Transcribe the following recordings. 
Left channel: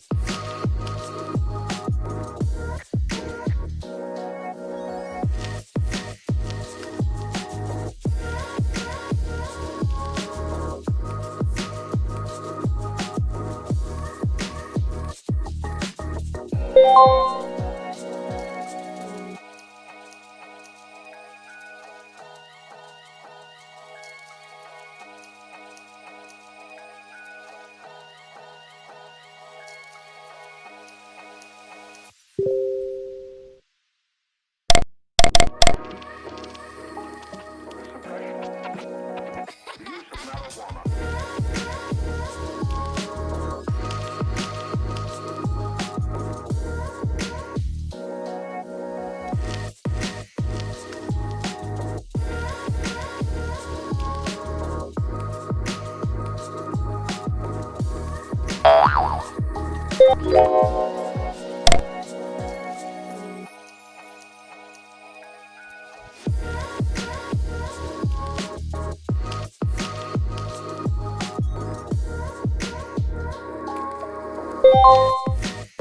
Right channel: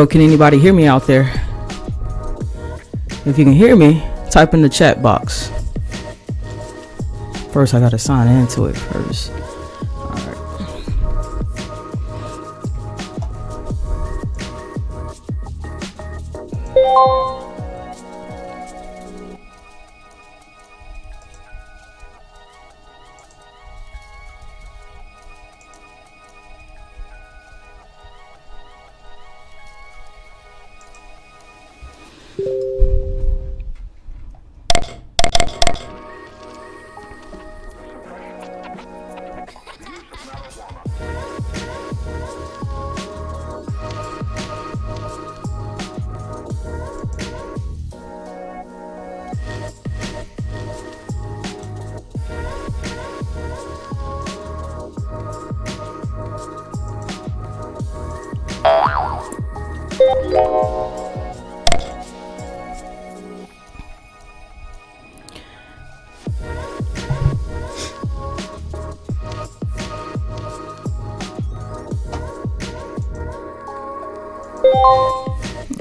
So can anybody hear me out there? If you can hear me, type in the chat box. First, I gotta sign into it first.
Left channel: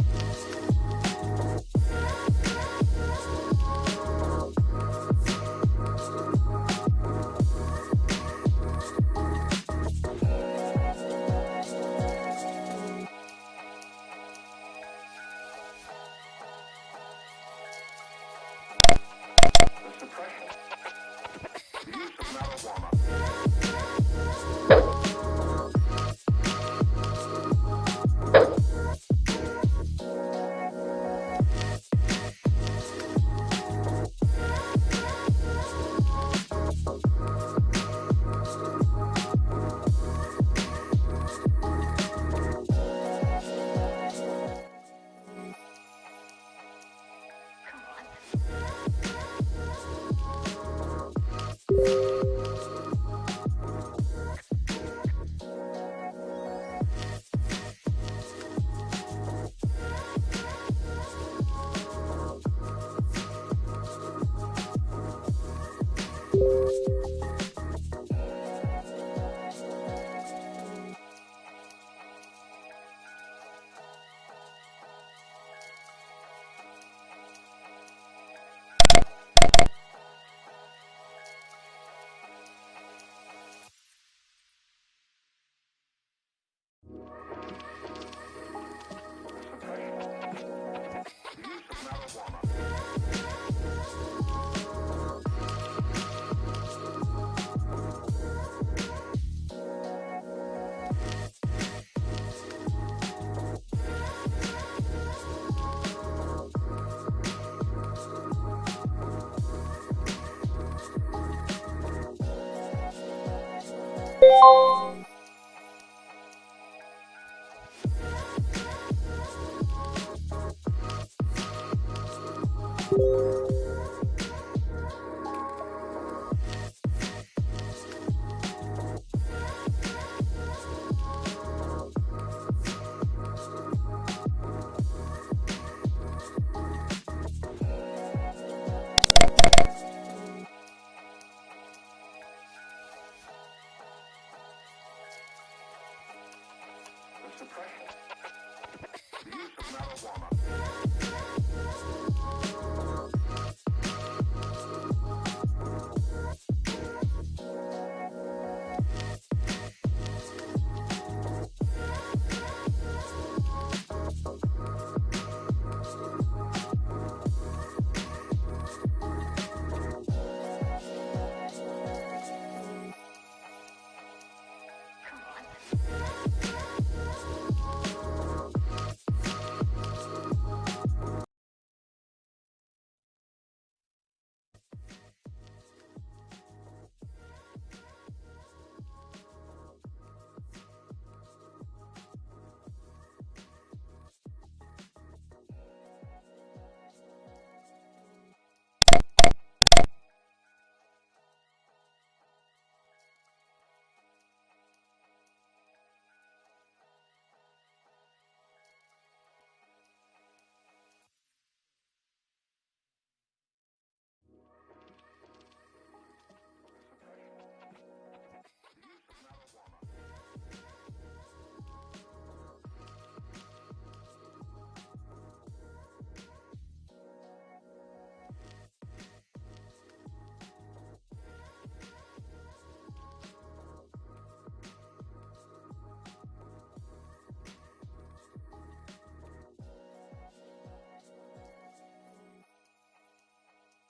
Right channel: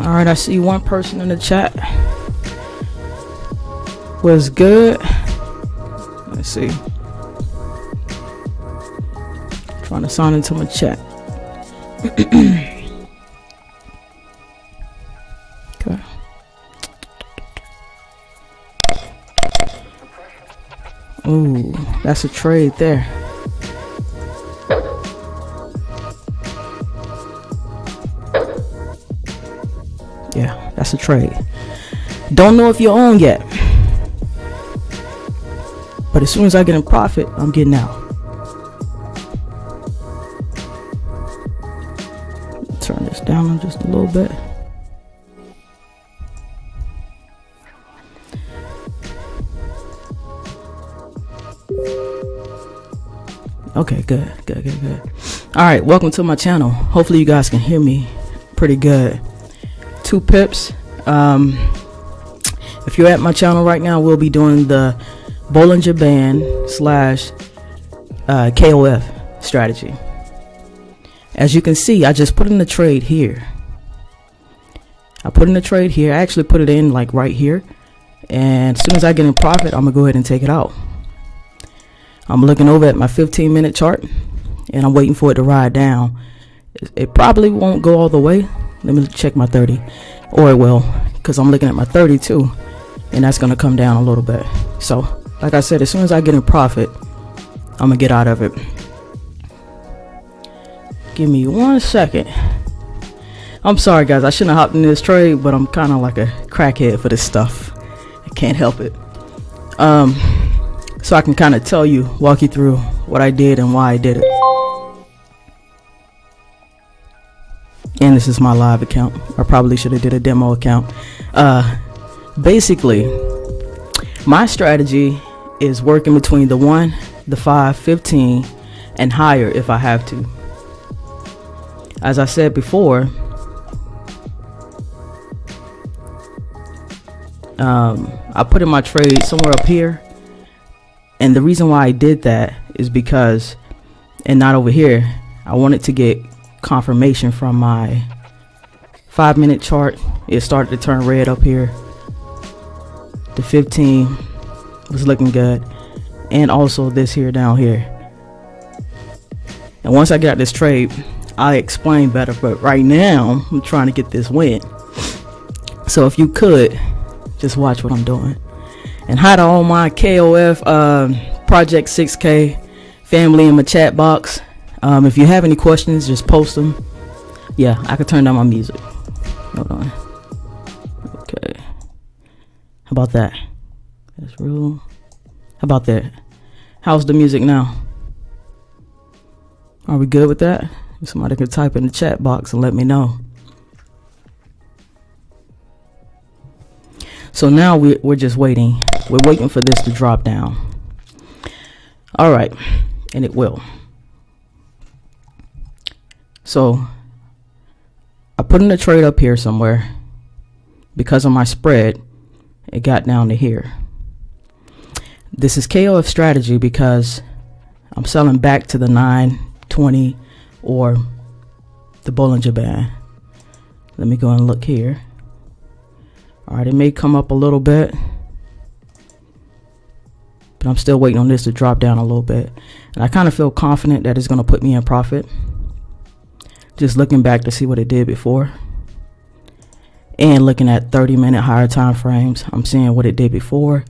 All right, I see one person in the chat. Was good. Let's see. Trying to sign into my chat. Okay. Ooh, that's a trade there. Yeah, that's a trade. Don't know if you own yet, but as soon as I get in profit, I'm getting out. Turn this down just a little bit. Okay, good. All right, welcome to my channel. Hopefully you guys can hear me pretty good. 2 pips. If you're at my channel right now, we'll be doing the Bollinger Band / KOF strategy. As you can see, I just put in the trade here. I actually put it in like right here, and as soon as I get in profit, I'm gonna go ahead and take it out. I'm looking over at my 15-minute chart, and I'm waiting for it to ride down. It probably won't go all the way. Let me check my 30, or it will, because I'm looking at my 30 too, and that's gonna come down a little bit. So like I said, as soon as I get in profit, I'm gonna get out of it. Give me 1 second. I'm sorry guys, I shouldn't have hopped in this trade, but I'm kind of like a crackhead for this stuff. I can't help it. So I can kind of walk you through what I did and why I did it. And this is my live account. I probably should have did a demo account. Basically, my strategy is working between the 1, the 5, 15, and higher if I have to. As I said before, I put in my trade somewhere up here, and the reason why I did that is because, and not over here, I wanted to get confirmation from my 5-minute chart. It started to turn red up here. The 15 was looking good, and also this here down here. And once I got this trade, I'll explain better, but right now I'm trying to get this win. So if you could just watch what I'm doing. And hi to all my KOF Project 6K family in my chat box. If you have any questions, just post them. Yeah, I could turn down my music. Hold on. Okay. How about that? That's real. How about that? How's the music now? Are we good with that? Somebody could type in the chat box and let me know. So now we're just waiting. We're waiting for this to drop down. All right, and it will. So I put in a trade up here somewhere. Because of my spread, it got down to here. This is KOF strategy because I'm selling back to the 9, 20, or the Bollinger Band. Let me go and look here. All right, it may come up a little bit, but I'm still waiting on this to drop down a little bit. And I kind of feel confident that it's going to put me in profit. Just looking back to see what it did before. And looking at 30-minute higher time frames, I'm seeing what it did before.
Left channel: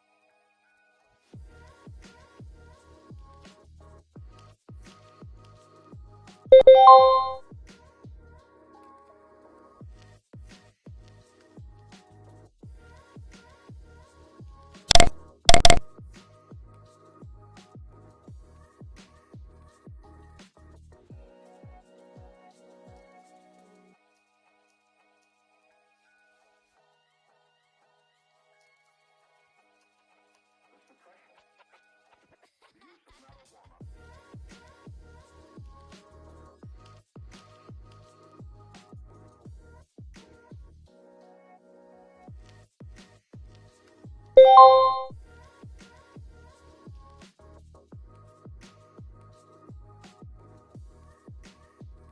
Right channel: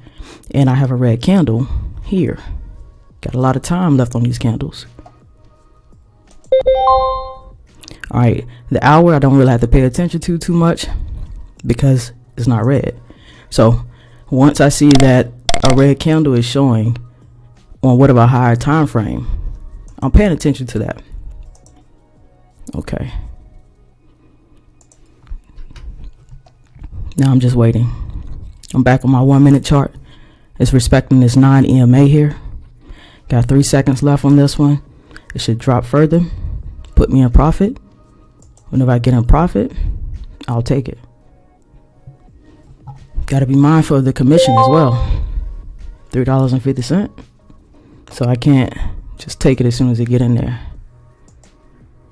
And I have a red candle here. Got a lot of time left on these candles. All right, the hour I don't really have to pay attention to too much because it's not red. So once I see that a red candle is showing on whatever higher time frame, I'm paying attention to that. Okay. Now I'm just waiting. I'm back on my 1 minute chart. It's respecting this 9 EMA here. Got 3 seconds left on this one. It should drop further, put me in profit. Whenever I get in profit, I'll take it. Got to be mindful of the commission as well. $3.50. So I can't just take it as soon as I get in there.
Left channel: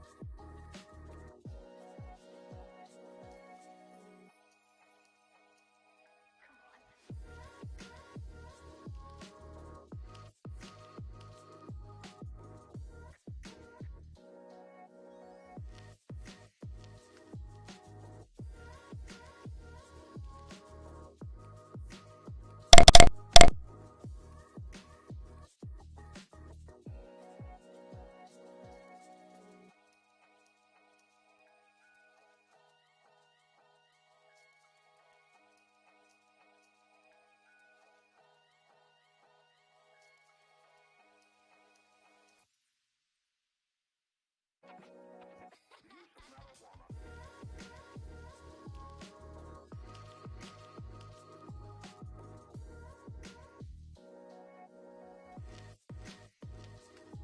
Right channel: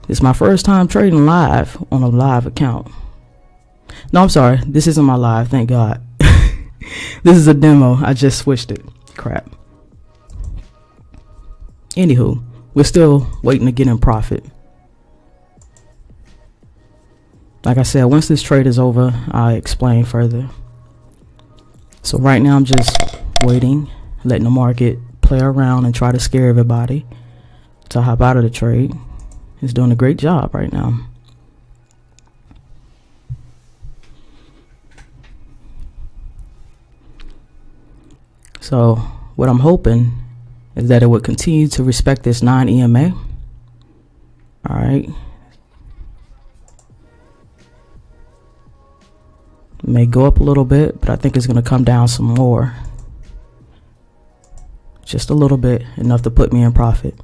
It's my first time trading live on a live account. No, I'm sorry. This isn't my live. Thank God. This is a demo. I just switched it. Crap. Anywho, we're still waiting to get in profit. Like I said, once this trade is over, I'll explain further. So right now I'm just waiting, letting the market play around and try to scare everybody to hop out of the trade. It's doing a great job right now. So what I'm hoping is that it would continue to respect this 9 EMA. All right. It may go up a little bit, but I think it's going to come down some more. Just a little bit, enough to put me in profit.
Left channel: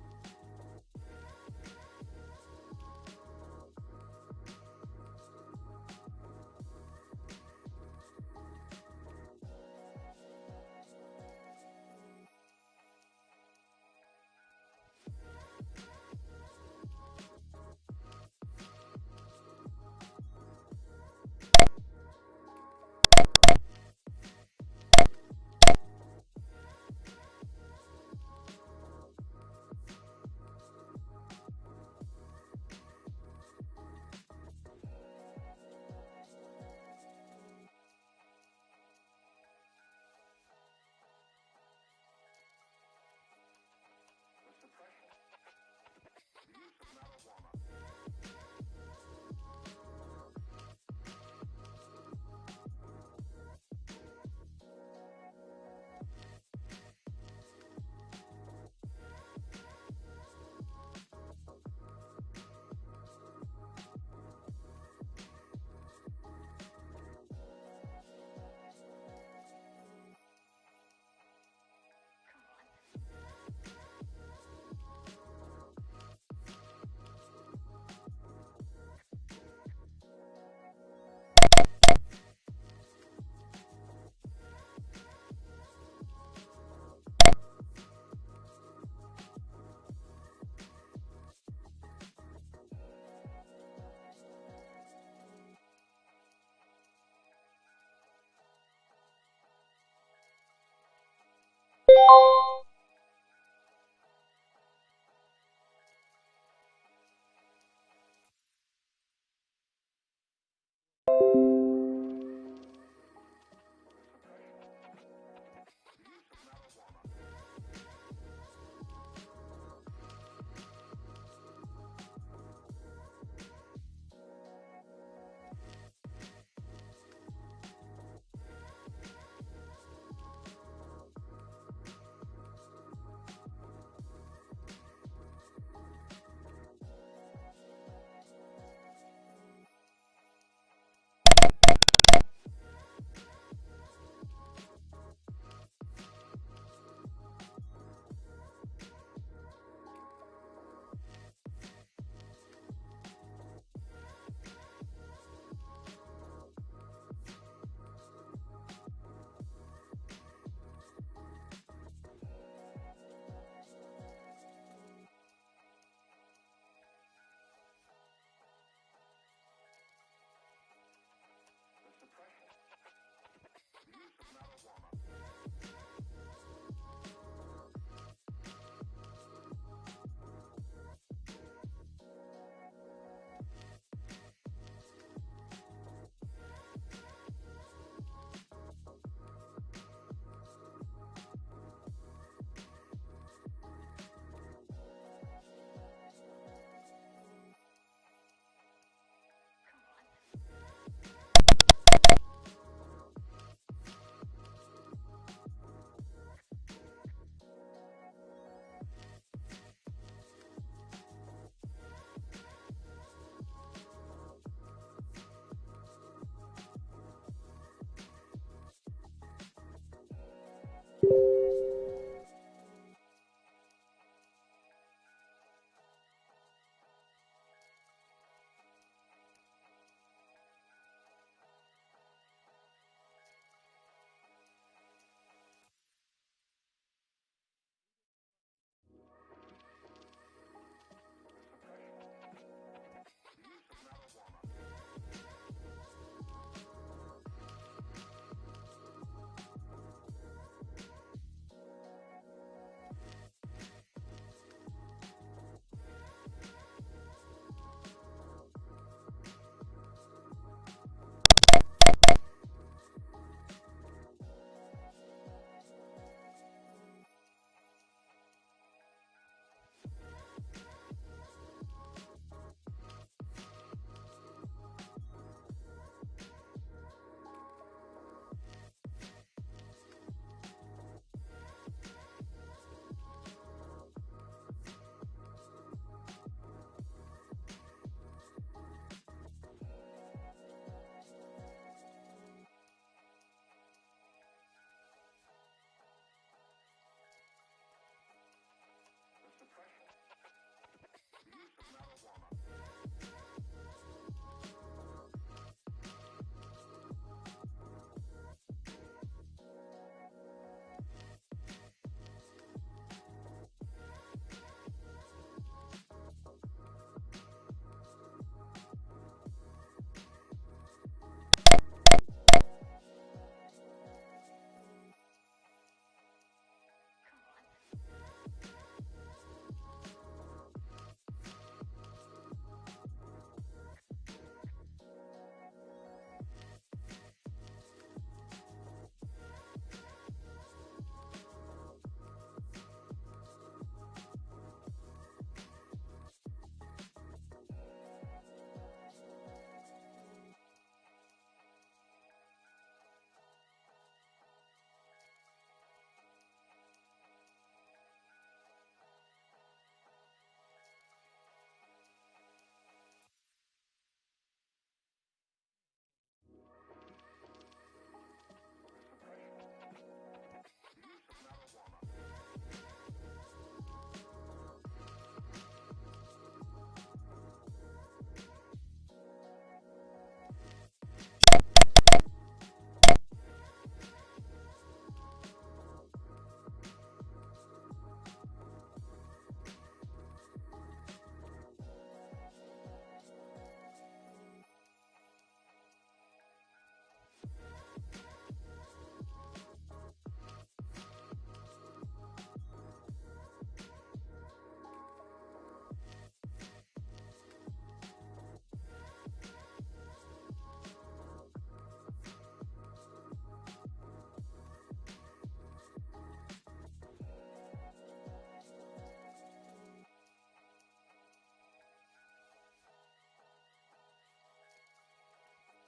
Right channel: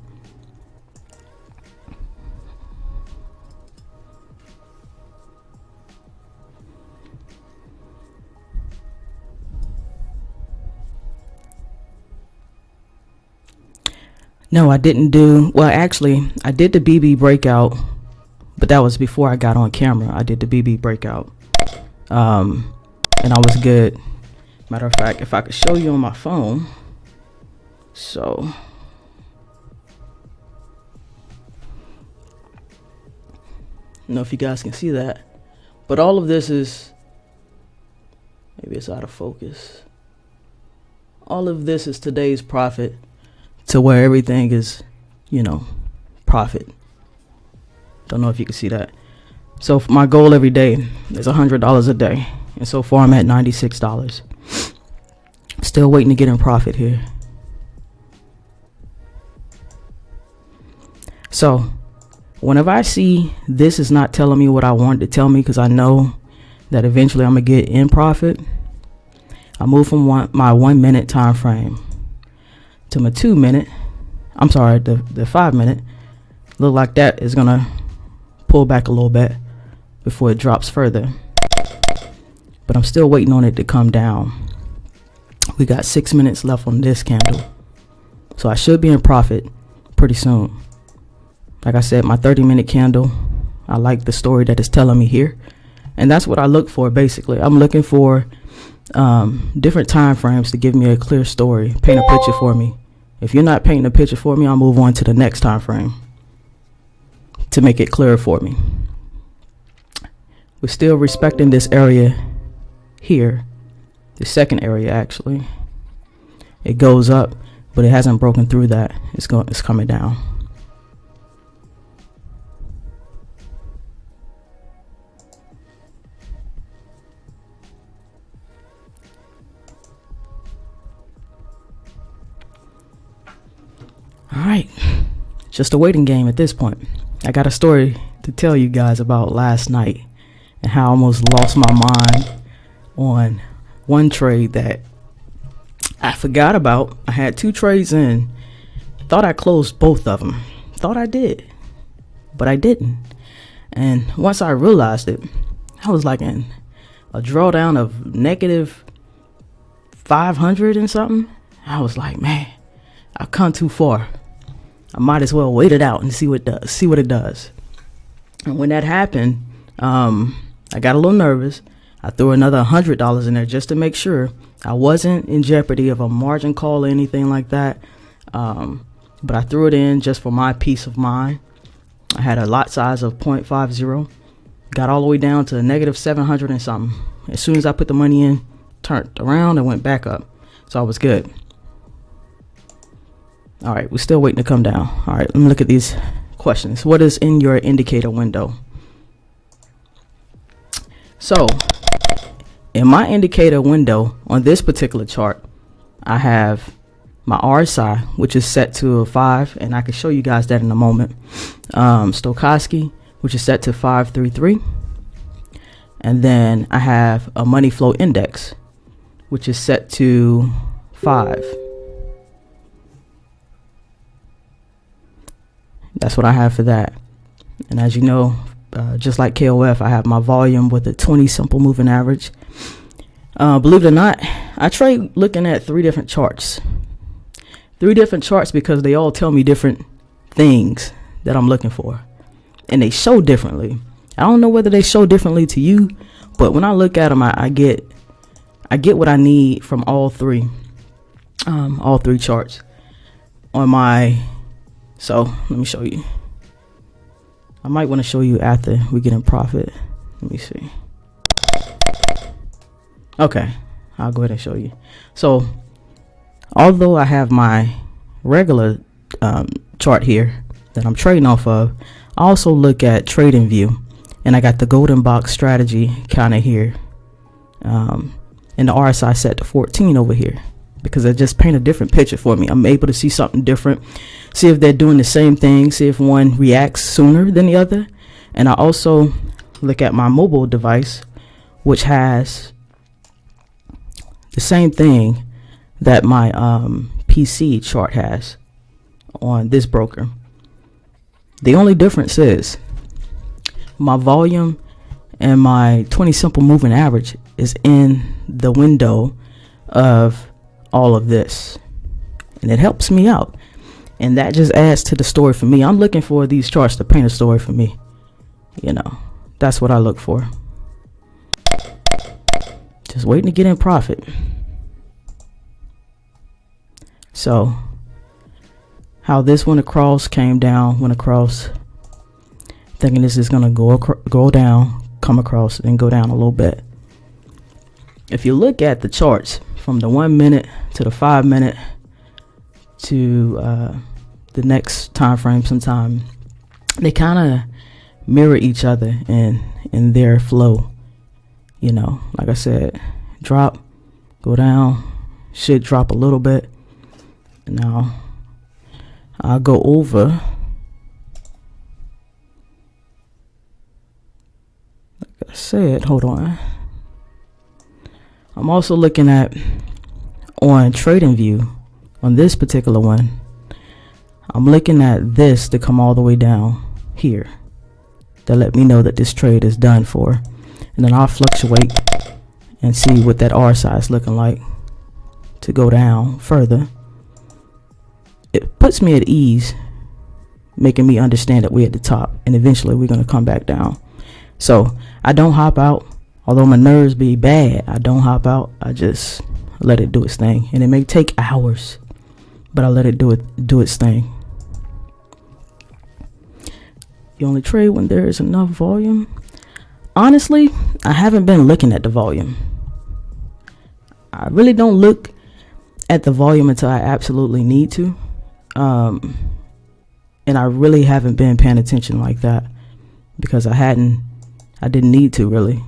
No, I didn't do, well, actually, I did the BB breakout, but that was before I got on camera. I did the BB breakout, and I was good. Matter of fact, if I could show you on my phone. So, I don't know if you guys can see that, but all of this is, maybe it's out of focus. All of this is today's profit. To where everything is, profit. Don't know if you can see that. So my goal every day is $100 a day. And so far I'm at $96. Still waiting to get in profit here. So whenever I see this is not telling me what I want to tell me, because I know that eventually I'm going to get in profit, I move from my 1 minute time frame to my 2 minute, I'm sorry, the 5 minute. Look like that is gonna pull back a little bit before it drops further, but I'm still waiting on it to come down. We got 6 minutes left on this candle, so I should be in profit pretty soon. Like I said, my 30-minute candle, I like the story that it's telling me here, and that's what I look for. Basically, I'm looking for different time frames to give me a clear story, paint a picture for me. If you're not painting a picture for me, I'll move on to the next time frame to make it clearer for me. We're still respecting this area here, the second area actually. It goes up, but it hasn't broken through that. It's coming down. All right, just a waiting game at this point. I got a story to tell you guys about last night and how I almost lost my mind on one trade that I forgot about. I had 2 trades in, thought I closed both of them, thought I did, but I didn't. And once I realized it, I was like in a drawdown of negative 500 and something. I was like, man, I've come too far. I might as well wait it out and see what it does. And when that happened, I I got a little nervous. I threw another $100 in there just to make sure I wasn't in jeopardy of a margin call or anything like that. But I threw it in just for my peace of mind. I had a lot size of 0.50. Got all the way down to negative 700 and something. As soon as I put the money in, turned around and went back up. So I was good. All right, we're still waiting to come down. All right, let me look at these questions. What is in your indicator window? So in my indicator window on this particular chart, I have my RSI, which is set to a 5, and I can show you guys that in a moment. Stochastic, which is set to 533. And then I have a money flow index, which is set to 5. That's what I have for that. And as you know, just like KOF, I have my volume with a 20 simple moving average. Believe it or not, I trade looking at 3 different charts. 3 different charts because they all tell me different things that I'm looking for. And they show differently. I don't know whether they show differently to you, but when I look at them, I get what I need from all 3 charts on my. So let me show you. I might want to show you after we get in profit. Let me see. Okay, I'll go ahead and show you. So although I have my regular chart here that I'm trading off of, I also look at Trading View, and I got the golden box strategy kind of here, and the RSI set to 14 over here because it just paint a different picture for me. I'm able to see something different, see if they're doing the same thing, see if one reacts sooner than the other. And I also look at my mobile device, which has the same thing that my PC chart has on this broker. The only difference is my volume and my 20 simple moving average is in the window of all of this, and it helps me out, and that just adds to the story for me. I'm looking for these charts to paint a story for me. You know, that's what I look for. Just waiting to get in profit. So how this went across, came down, went across, thinking this is gonna go down, come across, and go down a little bit. If you look at the charts from the 1 minute to the 5 minute to the next time frame, sometime they kind of mirror each other in their flow. You know, like I said, drop, go down, should drop a little bit. Now I'll go over. Like I said, hold on. I'm also looking at on Trading View on this particular one. I'm looking at this to come all the way down here to let me know that this trade is done for, and then I'll fluctuate and see what that RSI is looking like to go down further. It puts me at ease, making me understand that we're at the top and eventually we're going to come back down. So I don't hop out. Although my nerves be bad, I don't hop out. I just let it do its thing, and it may take hours, but I let it do its thing. You only trade when there is enough volume. Honestly, I haven't been looking at the volume. I really don't look at the volume until I absolutely need to, and I really haven't been paying attention like that because I didn't need to really.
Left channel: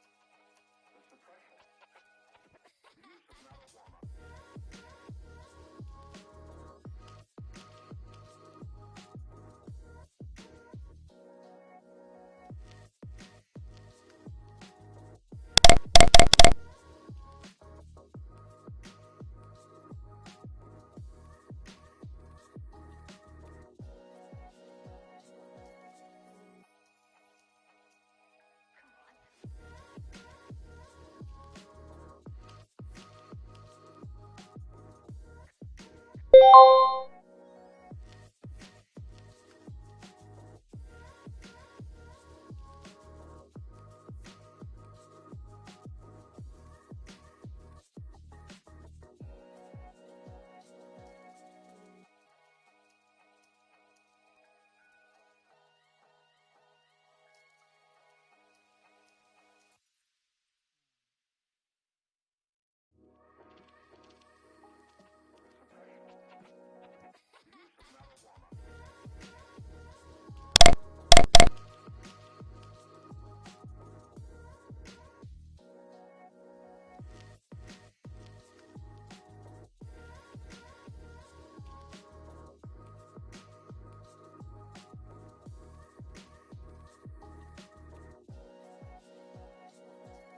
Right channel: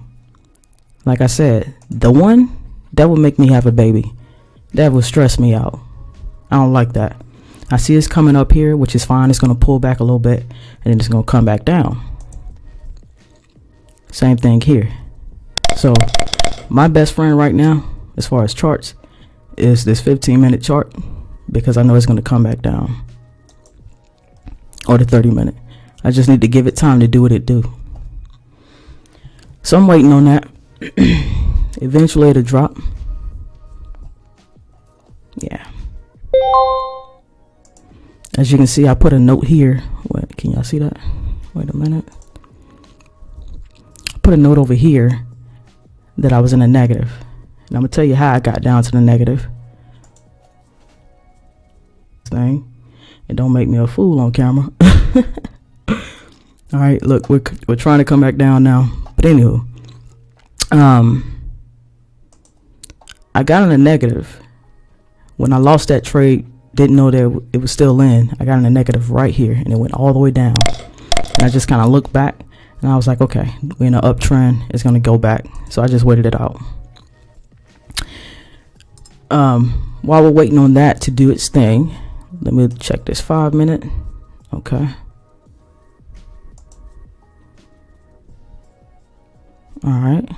Like I said, the one that would make me have a baby, that would stress me out. I don't like that. I see it's coming up here, which is fine. It's going to pull back a little bit, and then it's going to come back down. Same thing here. So my best friend right now, as far as charts, is this 15-minute chart, because I know it's going to come back down. Or the 30-minute. I just need to give it time to do what it do. So I'm waiting on that. Eventually it'll drop. Yeah. As you can see, I put a note here. What, can y'all see that? Wait a minute. put a note over here that I was in a negative. And I'm gonna tell you how I got down to the negative thing. And don't make me a fool on camera. All right, look, we're trying to come back down now. But anywho, I got in a negative when I lost that trade. Didn't know that it was still in. I got in a negative right here, and it went all the way down. And I just kind of looked back, and I was like, okay, we're in an uptrend. It's gonna go back. So I just waited it out. While we're waiting on that to do its thing, let me check this 5 minute. Okay. All right.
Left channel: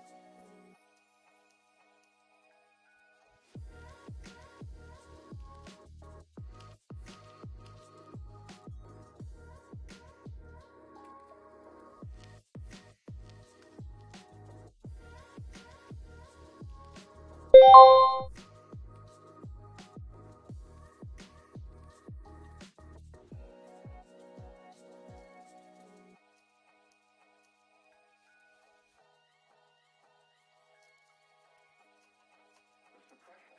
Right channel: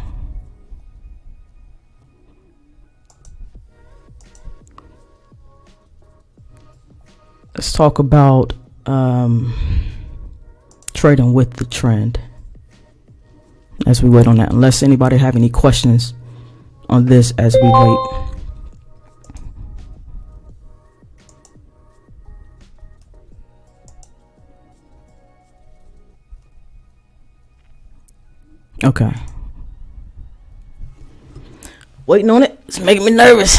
Let's talk about trading with the trend as we wait on that. Unless anybody have any questions on this as we wait. Okay. Waiting on it. It's making me nervous.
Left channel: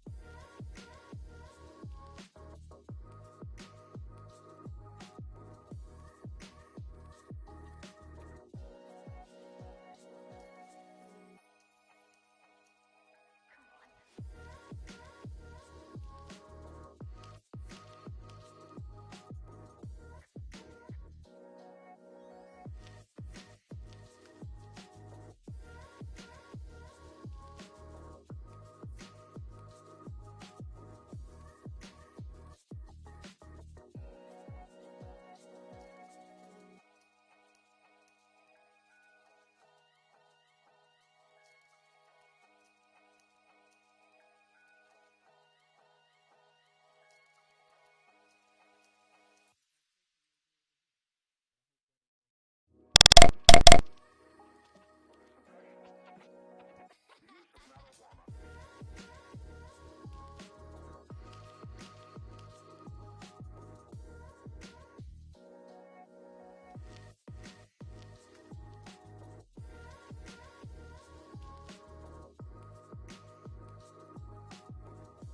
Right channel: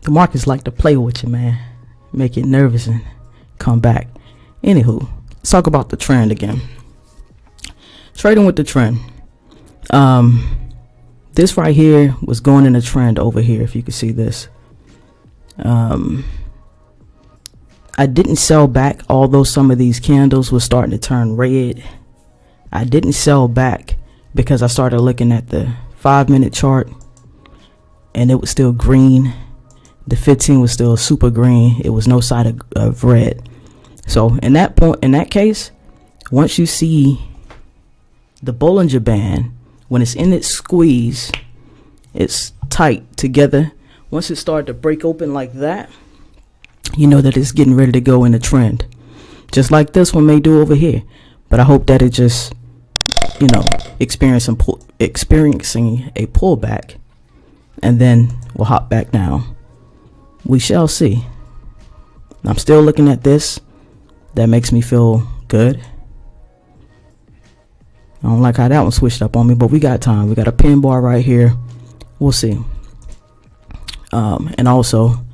The markets like to play with you, man. Make you nervous and come back. Anywho, let's talk about the trend again. Trading with the trend. This right here was going in a trend over here, if you can see this. I didn't sell back, although some of these candles were starting to turn red. I didn't sell back because I started looking at the 5 minute chart and it was still green. The 15 was still super green. It was no sign of red. So in that case, once you see the Bollinger Band, when it's in its squeeze, it's tight together. Once it started to break open like that, you know that it's getting ready to go in a trend. Just like this one may do over here. But I hope that it just, you know, experiencing a pullback, and then we'll hop back down. We shall see. I'm still looking at this. That makes me feel good. I don't like how that one switched up on me, but we got time. We got a pin bar right here. We'll see. And also,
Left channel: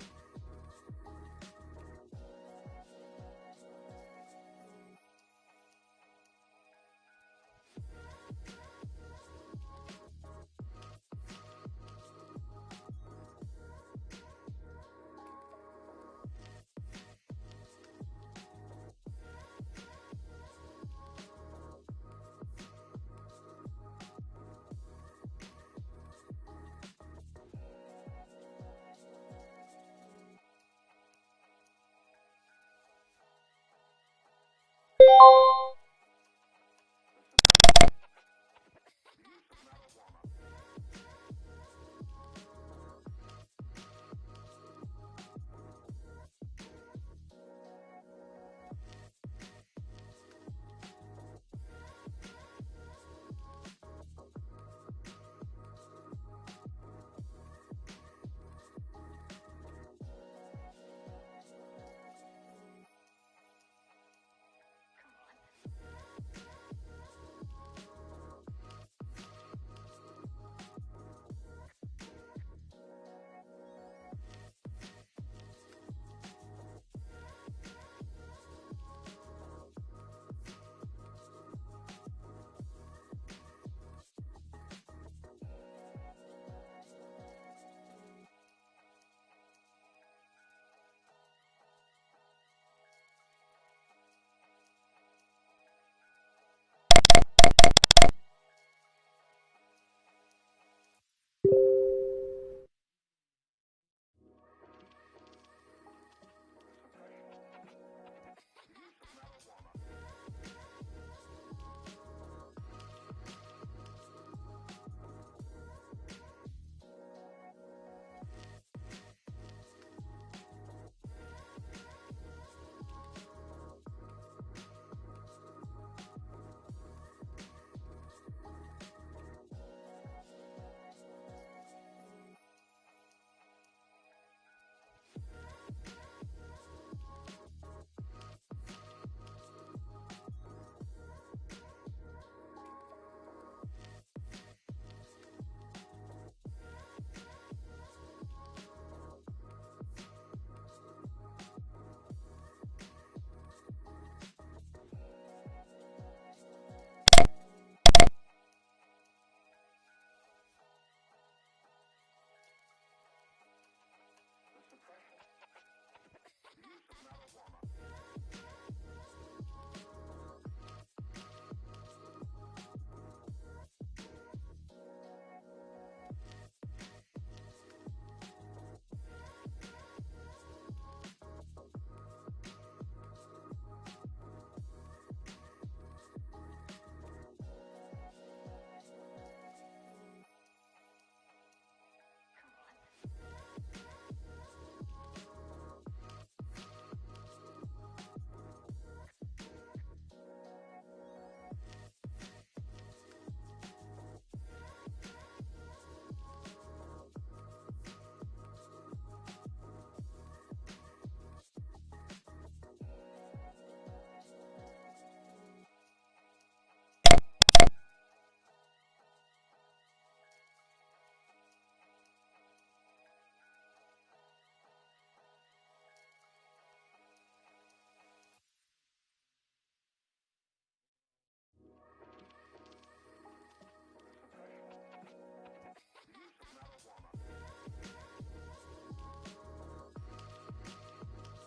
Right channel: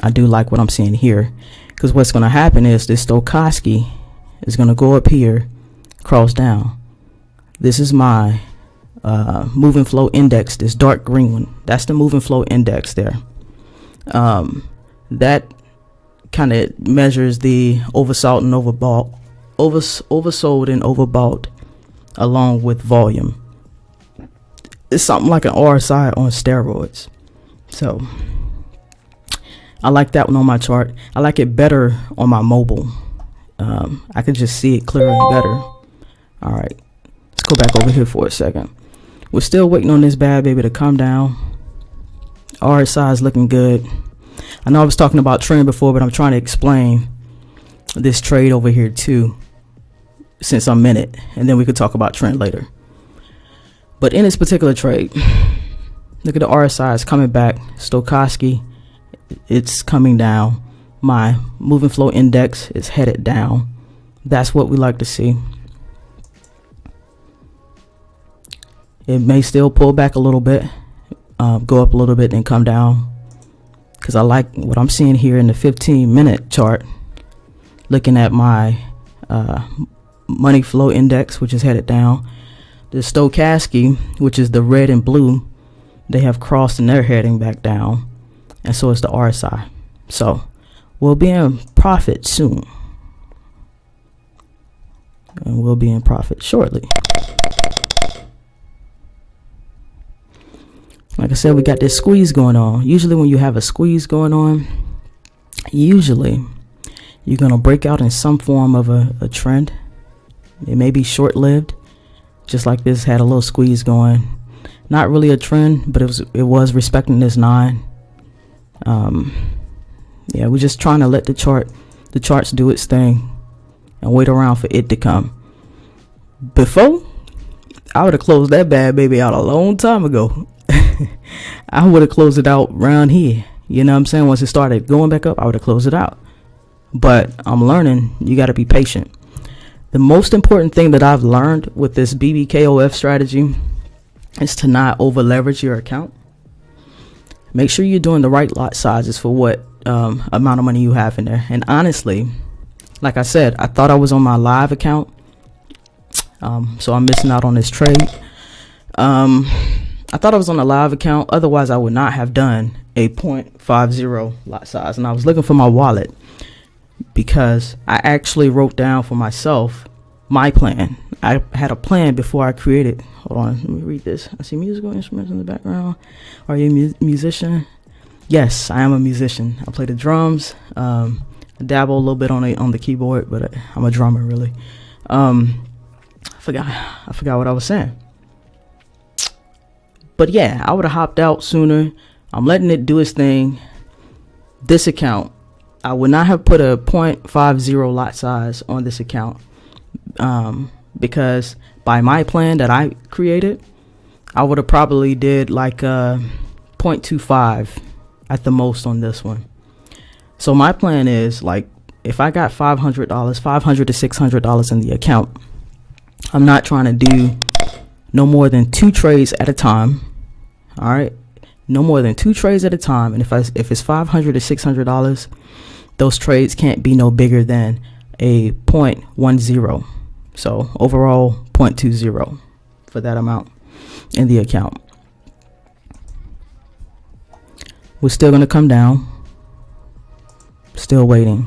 I do like what I'm seeing here, because what's going to happen is this Stochastic is going to go up here, cross down. This is my moving flow index, this dark green one. That's the moving flow index there. That kind of measures the oversold and overbought, oversold and overbought, along with volume. It's something like an RSI on steroids. So I like that one on my chart. I like it better on my mobile. I can just see it clearer and better. All right, let's go back over here for a second. We're still waiting on this bad baby to come down. RSI is looking good. I know I was talking about trend before, but I'm trying to explain this trade over here too, since I'm in it, and then we could talk about trend later. But in this particular trade, look at the RSI is coming back. Stochastic, it's coming down. My moving flow index is headed down. That's what we like to see. It may still pull back a little bit, go up a little bit and come down, because I like what I'm seeing here in the 15-minute chart. Looking at my money flow index, which is headed down. The Stochastic, which is the red and blue, they have crossed and they're heading back down, and so is the RSI. So we'll be in profit soon, and we'll be in profit shortly. Like I said, we got this squeeze going on. Usually when you have a squeeze going on, usually you're going to break out in some form of a trend. It may be short-lived, just like this had a little squeeze going. Not really a trend, but it was respecting this 9. Yeah, we're just trying to let the charts do its thing and wait around for it to come. Before, I would have closed that bad baby out a long time ago. I would have closed it out around here. You know what I'm saying? Once it started going back up, I would have closed it out. But I'm learning you got to be patient. The most important thing that I've learned with this BBKOF strategy is to not over leverage your account. Make sure you're doing the right lot sizes for what amount of money you have in there. And honestly, like I said, I thought I was on my live account. So I'm missing out on this trade. I thought I was on a live account. Otherwise, I would not have done a 0.50 lot size. And I was looking for my wallet because I actually wrote down for myself my plan. I had a plan before I created. Hold on, let me read this. I see musical instruments in the background. Are you a musician? Yes, I am a musician. I play the drums. I dabble a little bit on the keyboard, but I'm a drummer really. I forgot what I was saying. But yeah, I would have hopped out sooner. I'm letting it do its thing. This account, I would not have put a 0.50 lot size on this account because by my plan that I created, I would have probably did like 0.25 at the most on this one. So my plan is like if I got $500 to $600 in the account, I'm not trying to do no more than 2 trades at a time. All right, no more than 2 trades at a time. And if it's $500 to $600, those trades can't be no bigger than a 0.10. So overall 0.20 for that amount in the account. We're still going to come down. Still waiting.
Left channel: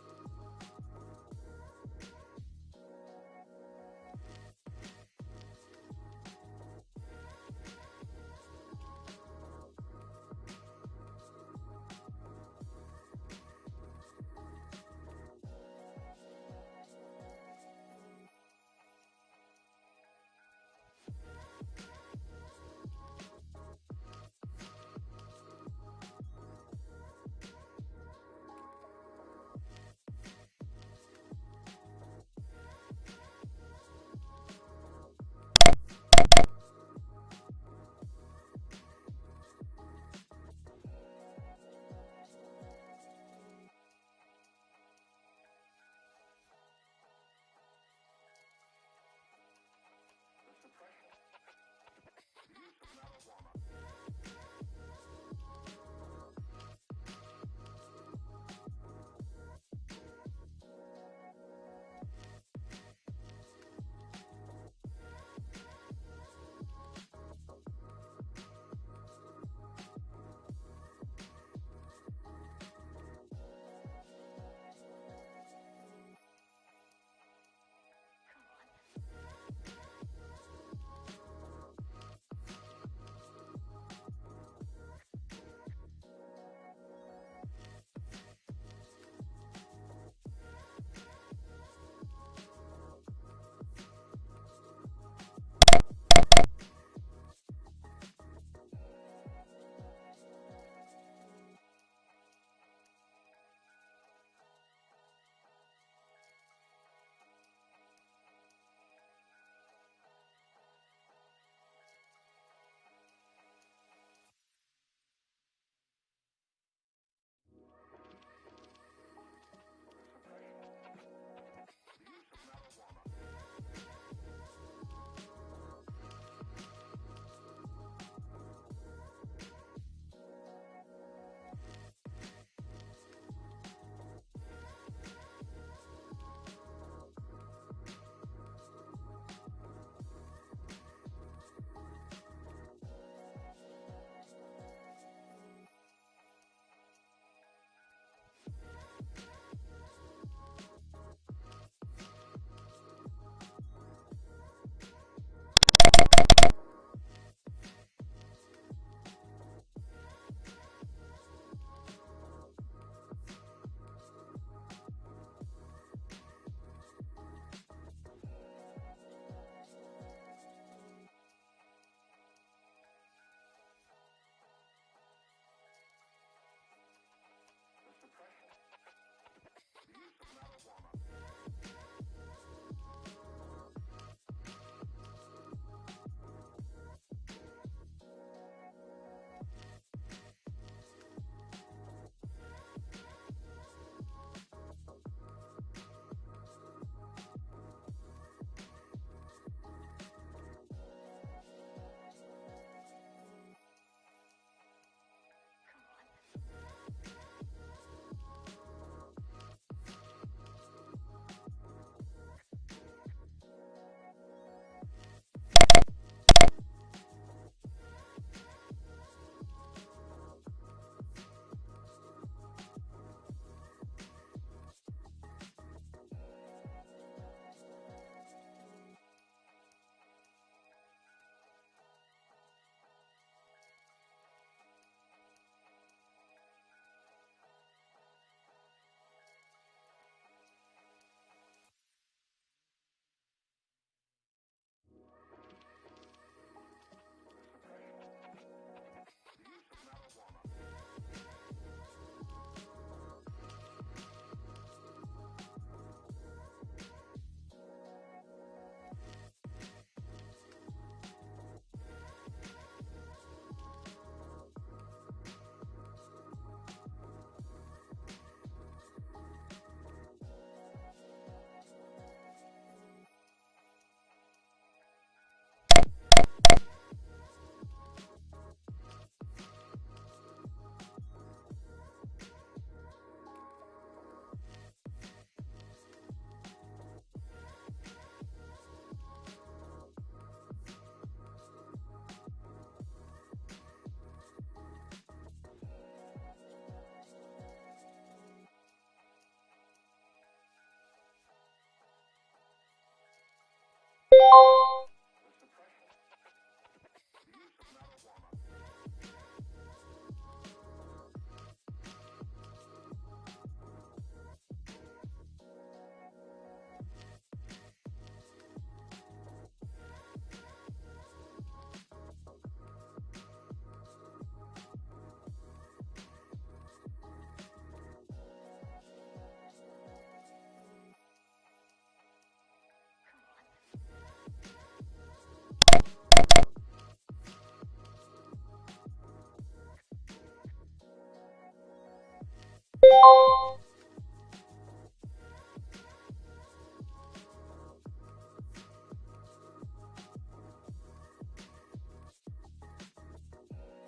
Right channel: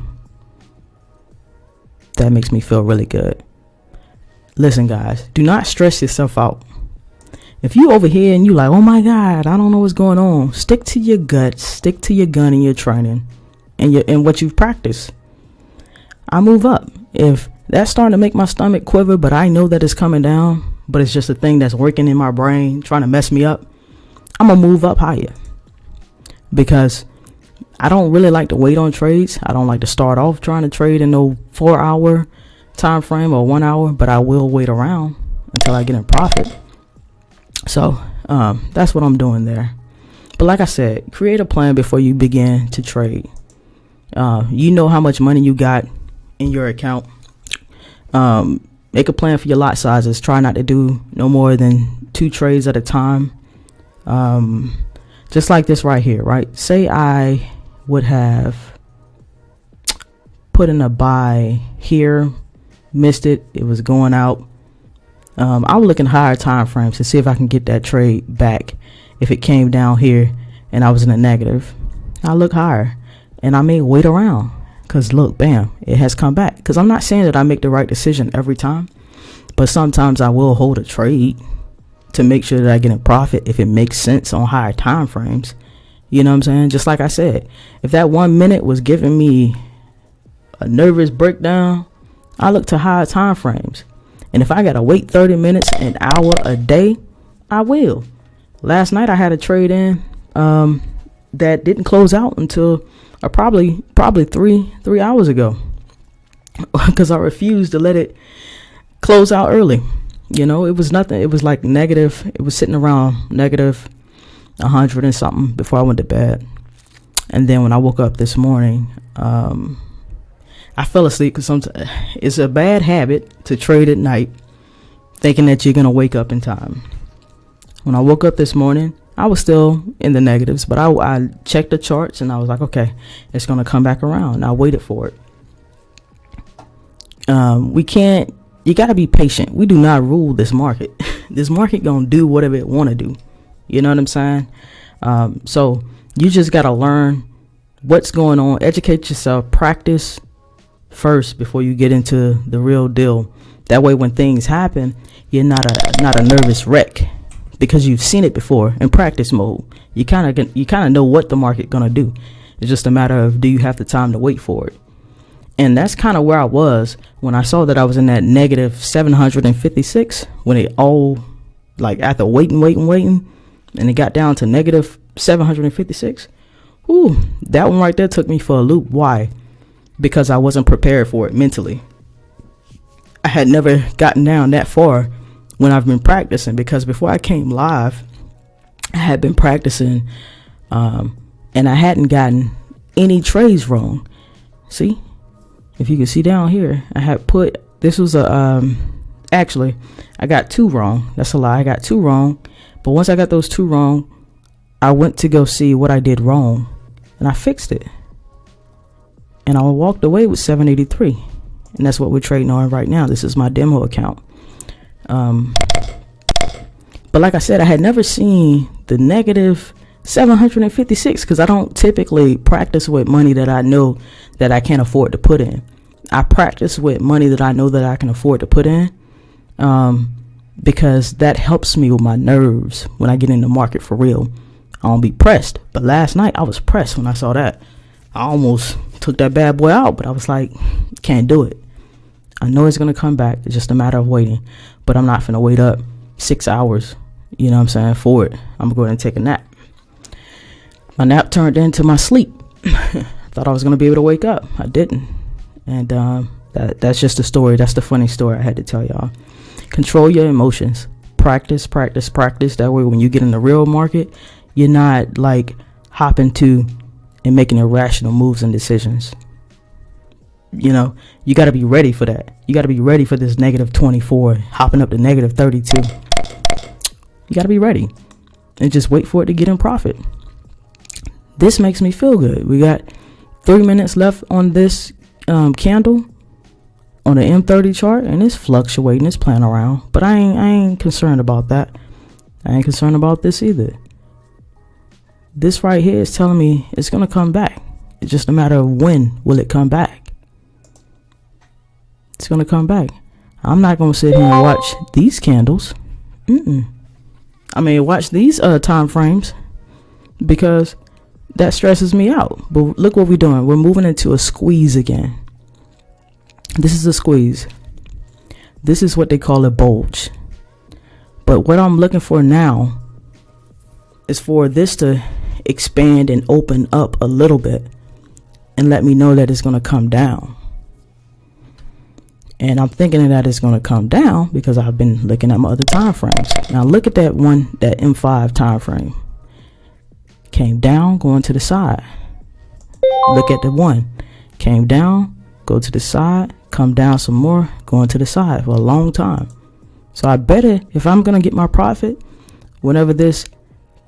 That makes me feel really good. Listen, guys, do not stress yourself out. If you over here and you like, oh my God, I don't know what's going on. Stick to your gut, stick to your gun and your training and what you've practiced. I move up. If that's starting to make my stomach quiver, but I know that it's coming down, but it's just a thing that's working in my brain, trying to mess me up, I'm going to move up higher. Because I don't really like to wait on trades. I don't like to start off trying to trade in no 4-hour time frame or 1 hour, but I will wait around until I get in profit. So that's what I'm doing there. But like I said, create a plan before you begin to trade. You know how much money you got in your account. Make a plan for your lot sizes. Try not to do no more than 2 trades at a time. Just like this right here, right? Say I would have put in a buy here, missed it, it was going out. I would look in higher time frames to see if I can get that trade back. If it came down here and I was in a negative, I look higher and I may wait around because look, bam, it has come back. Because I'm not saying that I make the right decision every time, but sometimes I will hold a trade to make sure that I get in profit if it makes sense on higher time frames. You know what I'm saying? Just like I said, if that 1 minute was giving me a nervous breakdown, I look to higher time frames. And if I gotta wait 30 minutes, an hour, a day, I will. Last night I had a trade in that didn't close out until probably 3 hours ago because I refused to let it close out early. You know, it was nothing. It was like negative. It was sitting around negative 100 and something before I went to bed. And then when I woke up this morning, I fell asleep because sometimes it's a bad habit to trade at night thinking that you're going to wake up in time. When I woke up this morning, I was still in the negatives, but I checked the charts and I was like, okay, it's going to come back around. And I waited for it. You got to be patient. We do not rule this market. This market going to do whatever it want to do. You know what I'm saying? So you just got to learn what's going on, educate yourself, practice first before you get into the real deal. That way when things happen, you're not a nervous wreck because you've seen it before in practice mode. You kind of know what the market gonna do. It's just a matter of, do you have the time to wait for it? And that's kind of where I was when I saw that I was in that negative 756 when it all, like, after waiting and it got down to negative 756. Ooh, that one right there took me for a loop. Why? Because I wasn't prepared for it mentally. I had never gotten down that far when I've been practicing, because before I came live, I had been practicing, and I hadn't gotten any trades wrong. See, if you can see down here, I had put, this was actually, I got 2 wrong. That's a lie. I got 2 wrong. But once I got those 2 wrong, I went to go see what I did wrong, and I fixed it. And I walked away with 783. And that's what we're trading on right now. This is my demo account. But like I said, I had never seen the negative 756 because I don't typically practice with money that I know that I can't afford to put in. I practice with money that I know that I can afford to put in, because that helps me with my nerves when I get in the market for real. I don't be pressed. But last night I was pressed when I saw that. I almost took that bad boy out, but I was like, can't do it. I know it's going to come back. It's just a matter of waiting. But I'm not finna wait up 6 hours, you know what I'm saying, for it. I'm going to go ahead and take a nap. My nap turned into my sleep. Thought I was going to be able to wake up. I didn't. And that's just the story. That's the funny story I had to tell y'all. Control your emotions. Practice, practice, practice. That way when you get in the real market, you're not like hopping to and making irrational moves and decisions. You know, you got to be ready for that. You got to be ready for this negative 24, hopping up to negative 32. You got to be ready and just wait for it to get in profit. This makes me feel good. We got 3 minutes left on this candle on the M30 chart, and it's fluctuating, it's playing around, but I ain't concerned about that. I ain't concerned about this either. This right here is telling me it's gonna come back. It's just a matter of when will it come back. It's gonna come back. I'm not gonna sit here and watch these candles. I mean, watch these time frames, because that stresses me out. But look what we're doing. We're moving into a squeeze again. This is a squeeze. This is what they call a bulge. But what I'm looking for now is for this to expand and open up a little bit and let me know that it's going to come down. And I'm thinking that it's going to come down because I've been looking at my other time frames. Now look at that one, that M5 time frame. Came down, going to the side. Look at the one. Came down, go to the side, come down some more, going to the side for a long time. So I better, if I'm going to get my profit, whenever this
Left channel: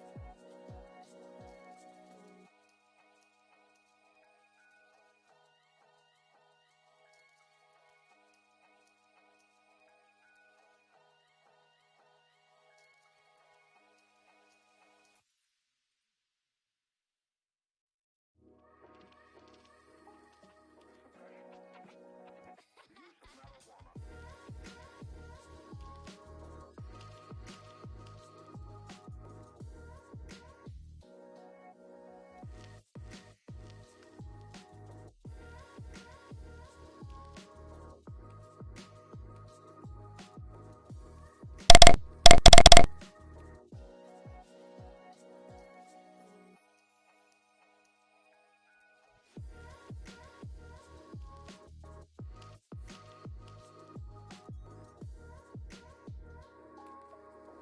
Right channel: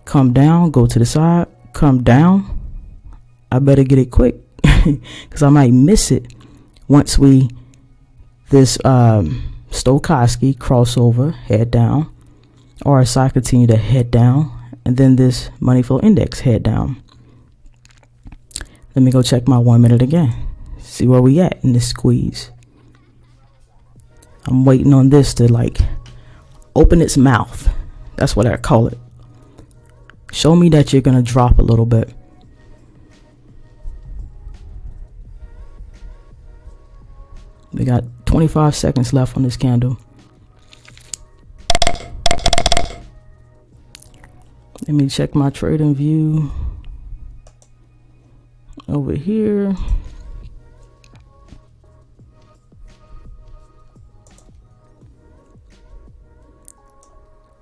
come down, go to the side, come down, I better get it quick because I might miss it once this Stochastic crossover, head down, RSI continue to head down, and then this money flow index head down. Let me go check my 1 minute again. See where we at in this squeeze. I'm waiting on this to like open its mouth. That's what I call it. Show me that you're gonna drop a little bit. We got 25 seconds left on this candle. Let me check my trading view over here.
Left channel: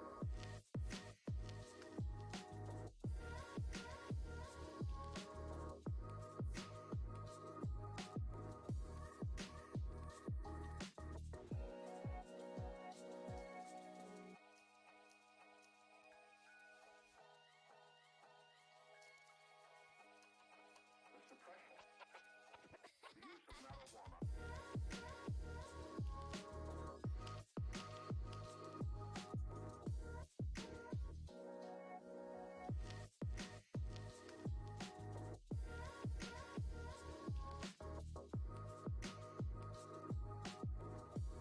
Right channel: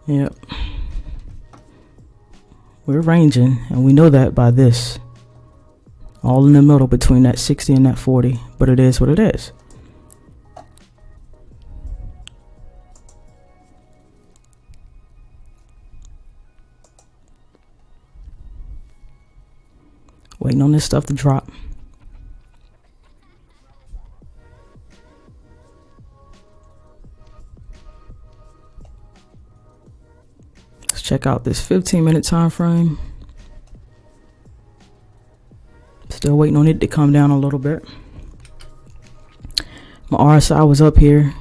Yep. We're ranging, and we know that by this. All in the middle between that 60 and that 40, but it is what it is. Waiting on this stuff to drop. Let's check out this 15-minute time frame. Still waiting on it to come down a little bit. My RSI was up here.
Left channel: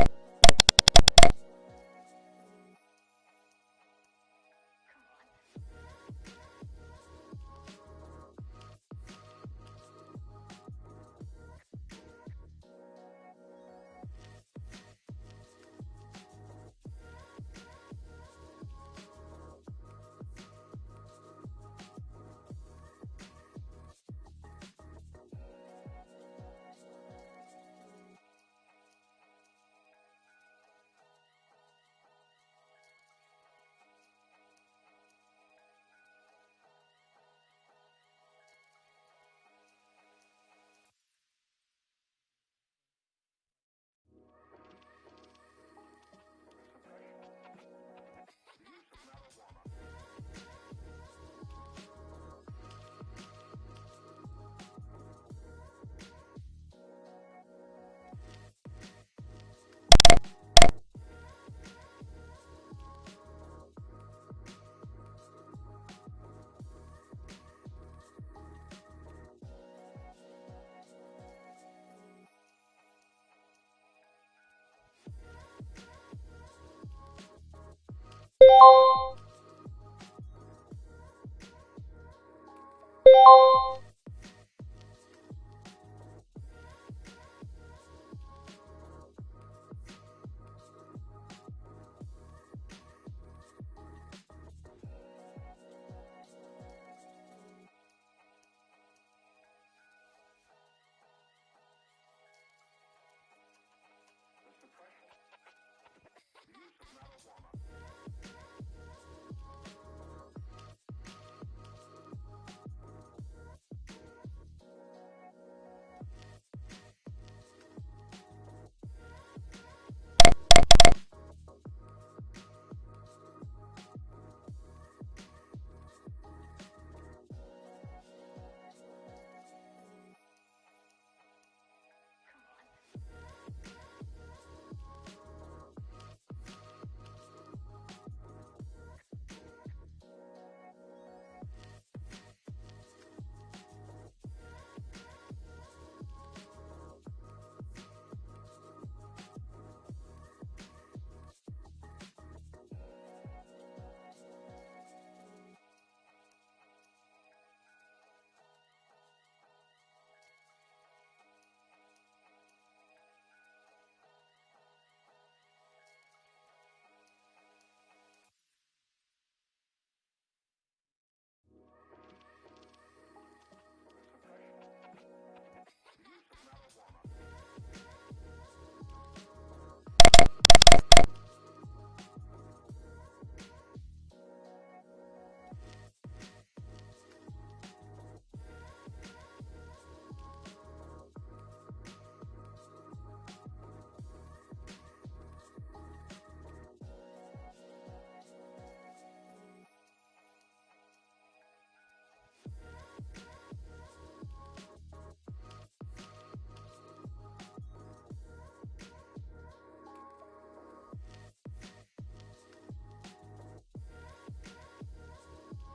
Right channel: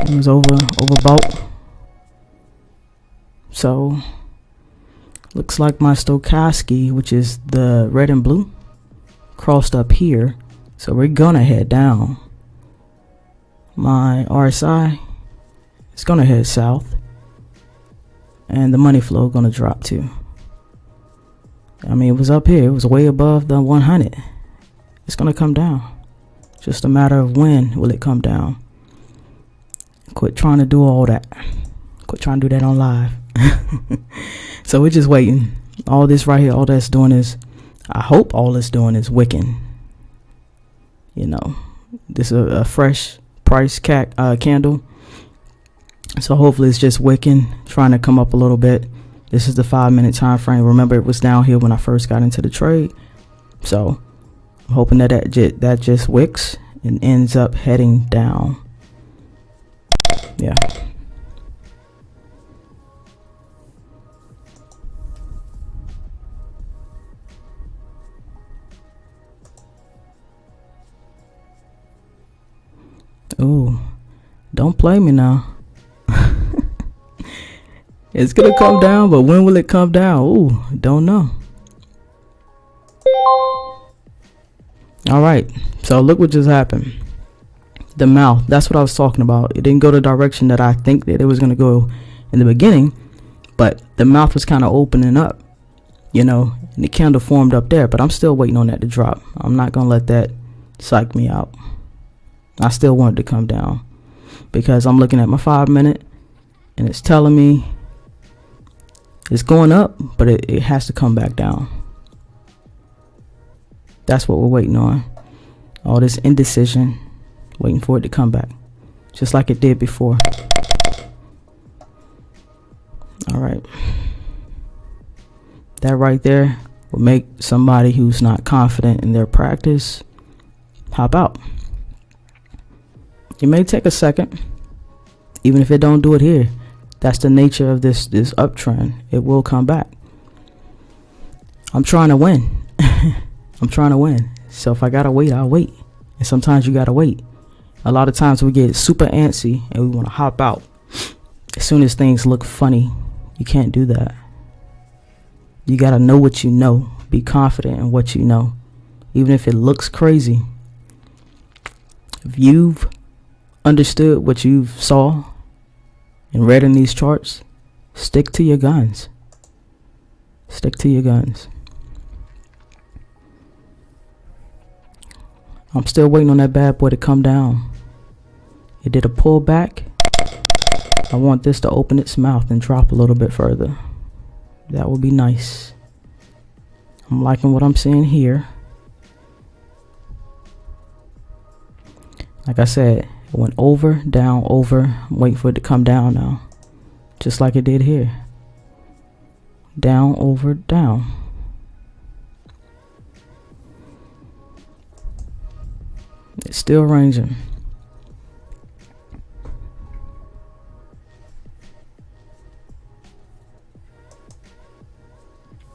It was overbought. So looks like my Stochastic, which is the red and blue, crossed up here. So we're gonna head down. My RSI is gonna head south. And the money flow gonna drop too. I mean, it was up here. It was way above the 100. It's gonna come down. Just a matter of when will it come down. Quit trying to do all that. Quit trying to do that on live. So we're just waiting. All this right here, all that's doing is, I hope all it's doing is wicking. You know, this is a fresh price candle. So hopefully it's just wicking, trying to come up a little bit. This is the 5-minute time frame. Remember, it was down here when I first got into the trade. So I'm hoping that that just wicks and ends up heading down. Yeah. Ooh, don't play me now. It's gonna come down, but when will it come down? Ooh, don't know. All right, so look what just happened. The mouth, that's what I was talking about. It didn't go the direction that I think that it was gonna go in the beginning, but the mouth was kind of opening up, you know, and the candle formed up there, but I'm still waiting on that to drop. I'm not gonna let that psych me out. I still want it to come down because I'm looking at my 5-minute and it's telling me it's going up, but it has to come back down. That's what we're waiting on. All this indecision, waiting for it to come back, just like it did before. All right. That right there will make somebody who's not confident in their practice hop out. It may take a second, even if it don't do it here. That's the nature of this uptrend. It will come back. I'm trying to win. I'm trying to win. So if I gotta wait, I'll wait. And sometimes you gotta wait. A lot of times we get super antsy and we want to hop out as soon as things look funny. You can't do that. You gotta know what you know. Be confident in what you know, even if it looks crazy. If you've understood what you saw and read in these charts, stick to your guns. Stick to your guns. I'm still waiting on that bad boy to come down. It did a pullback. I want this to open its mouth and drop a little bit further. That would be nice. I'm liking what I'm seeing here. Like I said, it went over, down, over. I'm waiting for it to come down now. Just like it did here. Down, over, down. It's still ranging.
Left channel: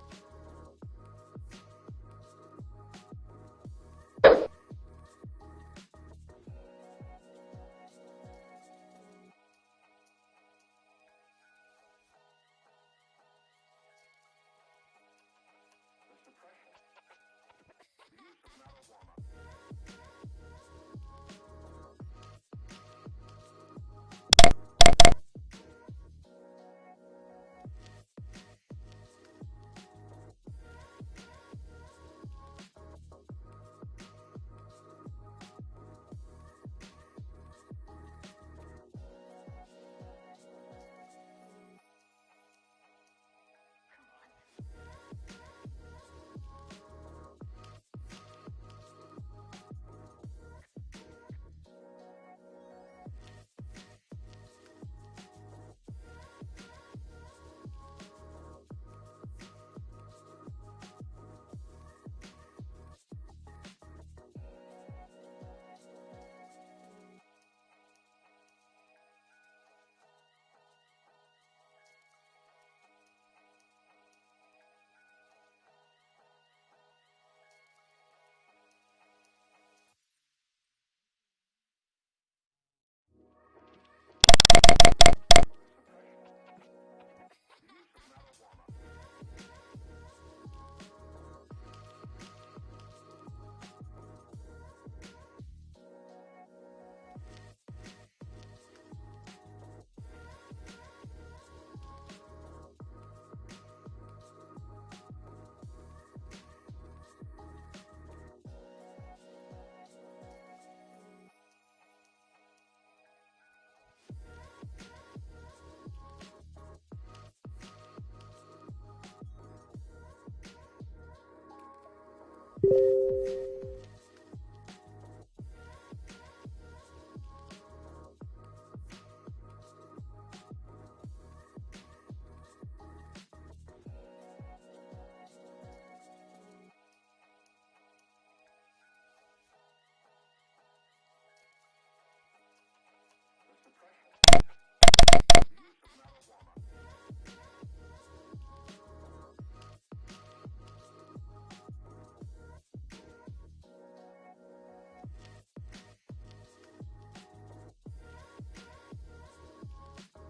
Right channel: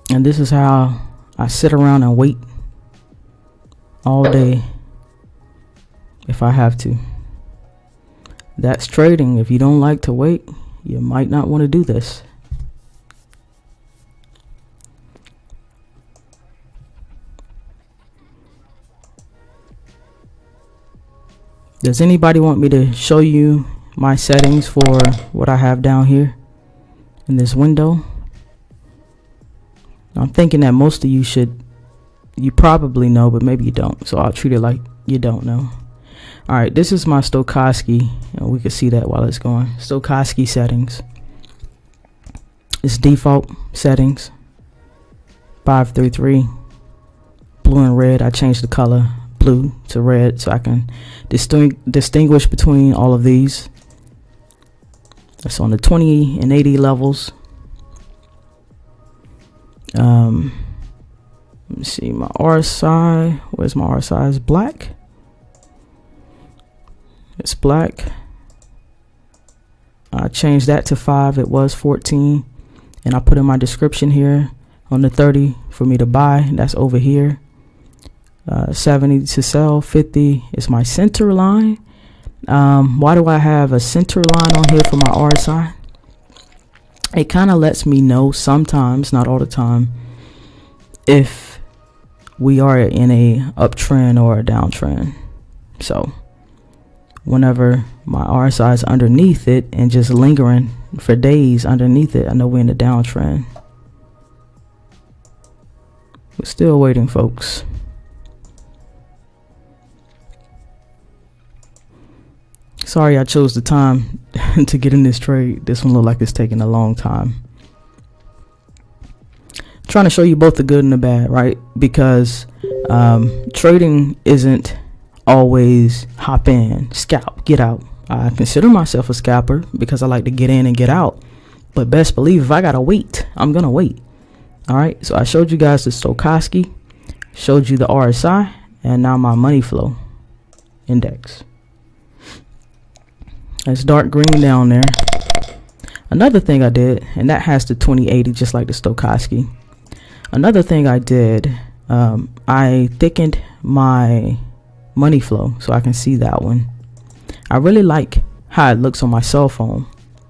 And this is how I sit around and wait all day if I have to. That's trading. If you don't like to wait, you might not want to do this. Does anybody want me to show you my settings for what I have down here in this window? I'm thinking that most of you you probably know, but maybe you don't. So I'll treat it like you don't know. All right, this is my Stochastic, and we can see that while it's going. Stochastic settings. It's default settings. 533. Blue and red. I changed the color blue to red so I can distinguish between all of these. That's on the 20 and 80 levels. Let me see my RSI. Where's my RSI? It's black. It's black. I changed that to 5. It was 14. And I put in my description here on the 30 for me to buy. That's over here. 70 to sell. 50 is my center line. Why do I have a center line on here for my RSI? It kind of lets me know sometimes, not all the time, if we are in a uptrend or a downtrend. So whenever my RSI is underneath it and just lingering for days underneath it, I know we're in a downtrend. We're still waiting, folks. Sorry I chose the time to get in this trade. This one looked like it's taking a long time. trying to show you both the good and the bad, right? Because trading isn't always hop in, scalp, get out. I consider myself a scalper because I like to get in and get out. But best believe if I gotta wait, I'm gonna wait. All right, so I showed you guys the Stochastic, showed you the RSI, and now my money flow index. It's dark green down there. Another thing I did, and that has the 2080 just like the Stochastic. Another thing I did, I thickened my money flow so I can see that one. I really like how it looks on my cell phone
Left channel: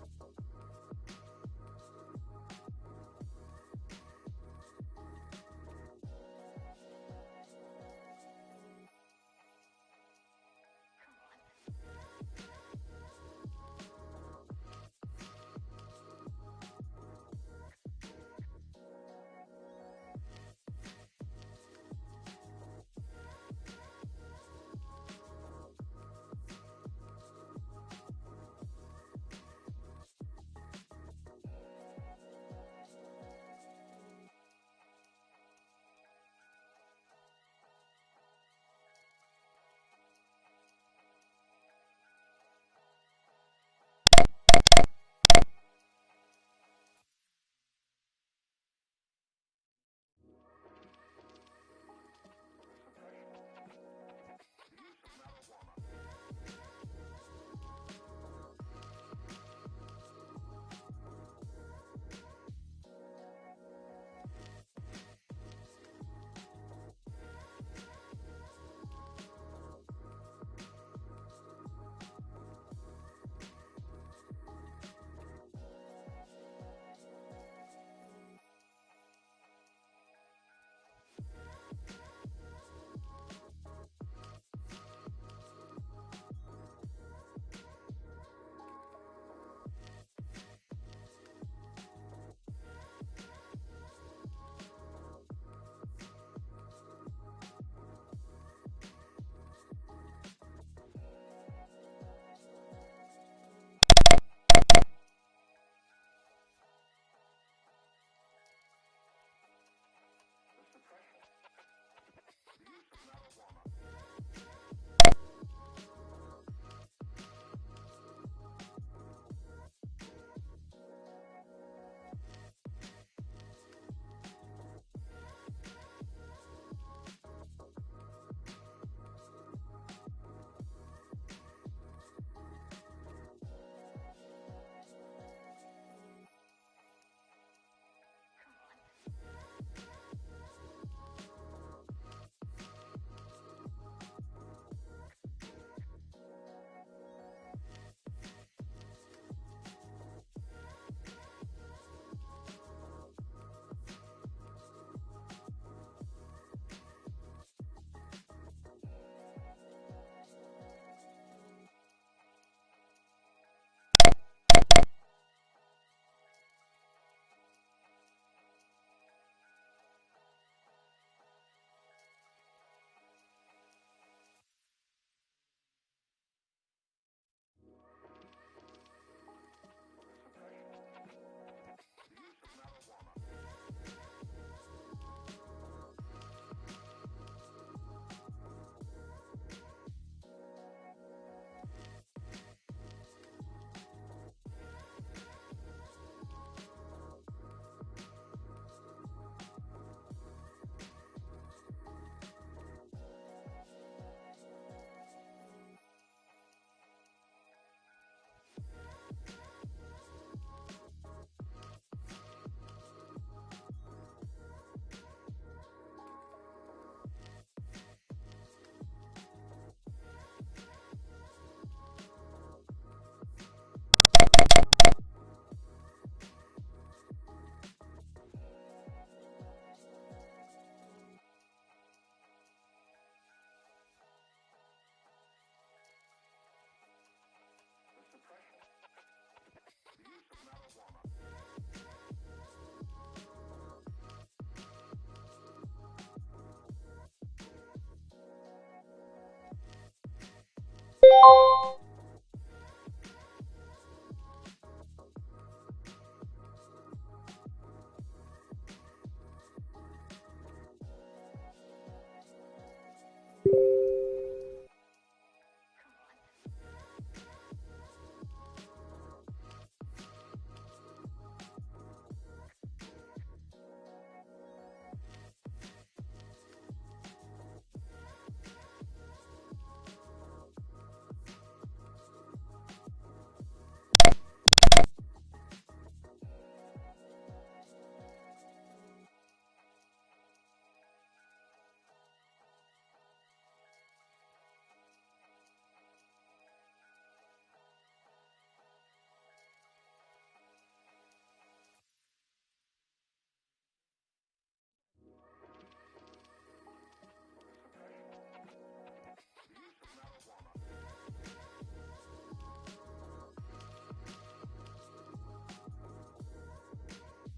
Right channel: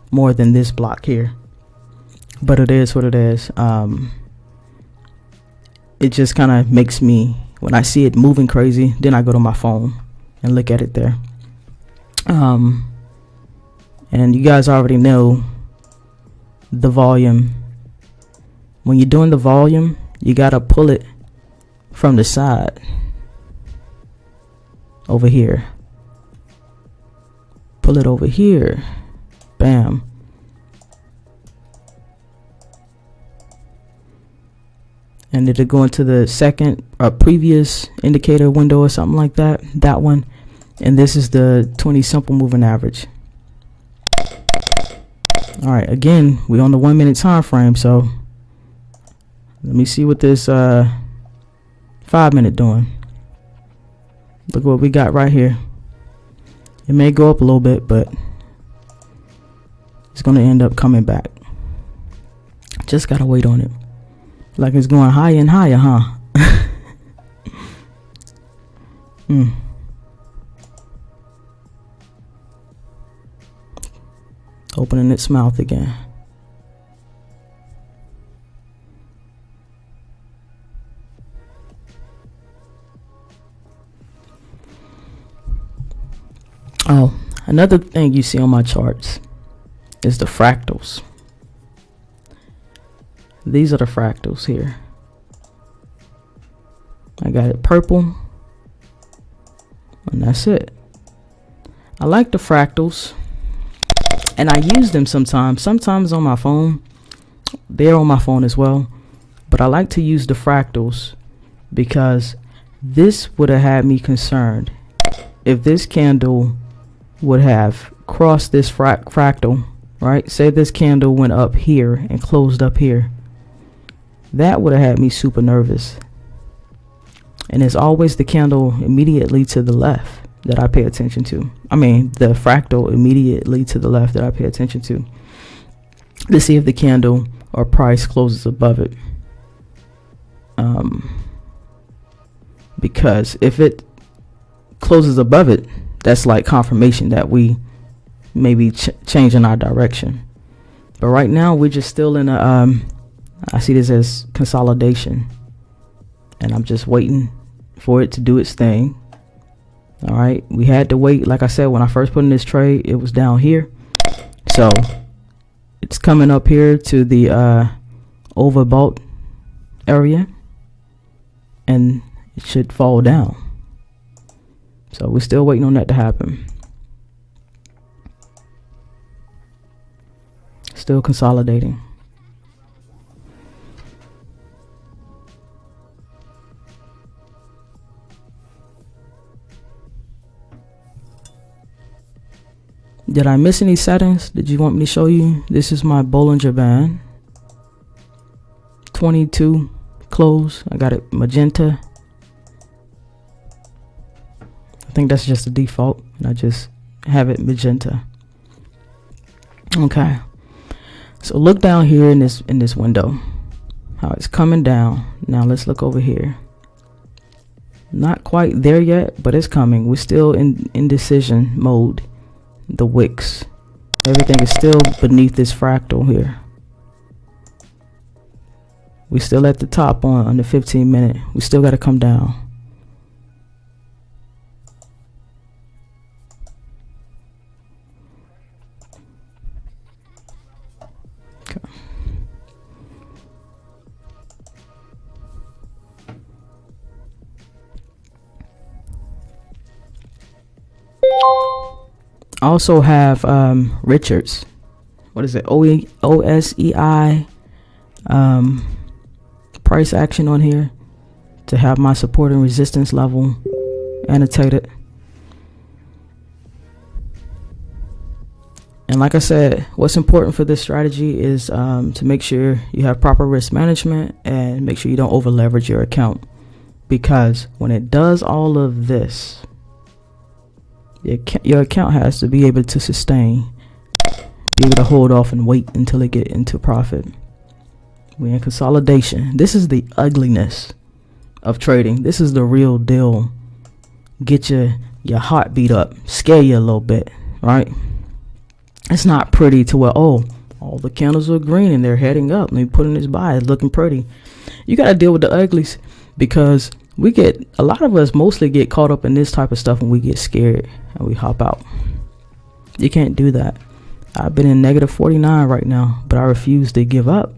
more than this block here, but it is what it is. It just kind of makes me, when I see it moving crazy, then I go to my phone and look at it there. And you guys already know the volume. When you're doing the volume, you gotta pull it from the side over here. Pull it over here. Bam. And it'll go into the second or previous indicator window or something like that. That one. And this is the 20 simple moving average. All right, again, we're on the 1 minute time frame, so let me see what this 5 minute doing. Look what we got right here. It may go up a little bit, but it's gonna end up coming back. Just gotta wait on it. Like it's going higher and higher, huh? Opening its mouth again. Oh, another thing you see on my charts is the fractals. These are the fractals here. I got it purple, and that's it. I like the fractals, and I use them sometimes on my phone. They're on my phone as well, but I like to use the fractals because this would have had me concerned if this candle would have crossed this fractal, right? Say this candle went up here and closed up here. That would have had me super nervous. And it's always the candle immediately to the left that I pay attention to. I mean, the fractal immediately to the left that I pay attention to see if the candle or price closes above it. Because if it closes above it, that's like confirmation that we may be changing our direction. But right now we're just still in a I see this as consolidation, and I'm just waiting for it to do its thing. All right, we had to wait. Like I said, when I first put in this trade, it was down here, so it's coming up here to the overbought area, and it should fall down. So we're still waiting on that to happen. Still consolidating. Did I miss any settings? Did you want me to show you? This is my Bollinger Band. 22 close. I got it magenta. I think that's just the default, and I just have it magenta. Okay. So look down here in this window, how it's coming down. Now let's look over here. Not quite there yet, but it's coming. We're still in indecision mode. The wicks, everything is still beneath this fractal here. We still at the top on the 15 minute. We still got to come down. Okay. Also have Richards. What is it? OSEI price action on here to have my support and resistance level annotated. And like I said, what's important for this strategy is to make sure you have proper risk management and make sure you don't over leverage your account, because when it does all of this, your account has to be able to sustain, be able to hold off and wait until it get into profit. We're in consolidation. This is the ugliness of trading. This is the real deal. Get your heart beat up, scare you a little bit, right? It's not pretty to where, oh, all the candles are green and they're heading up. Let me put in this buy. It's looking pretty. You got to deal with the uglies, because a lot of us mostly get caught up in this type of stuff when we get scared and we hop out. You can't do that. I've been in negative 49 right now, but I refuse to give up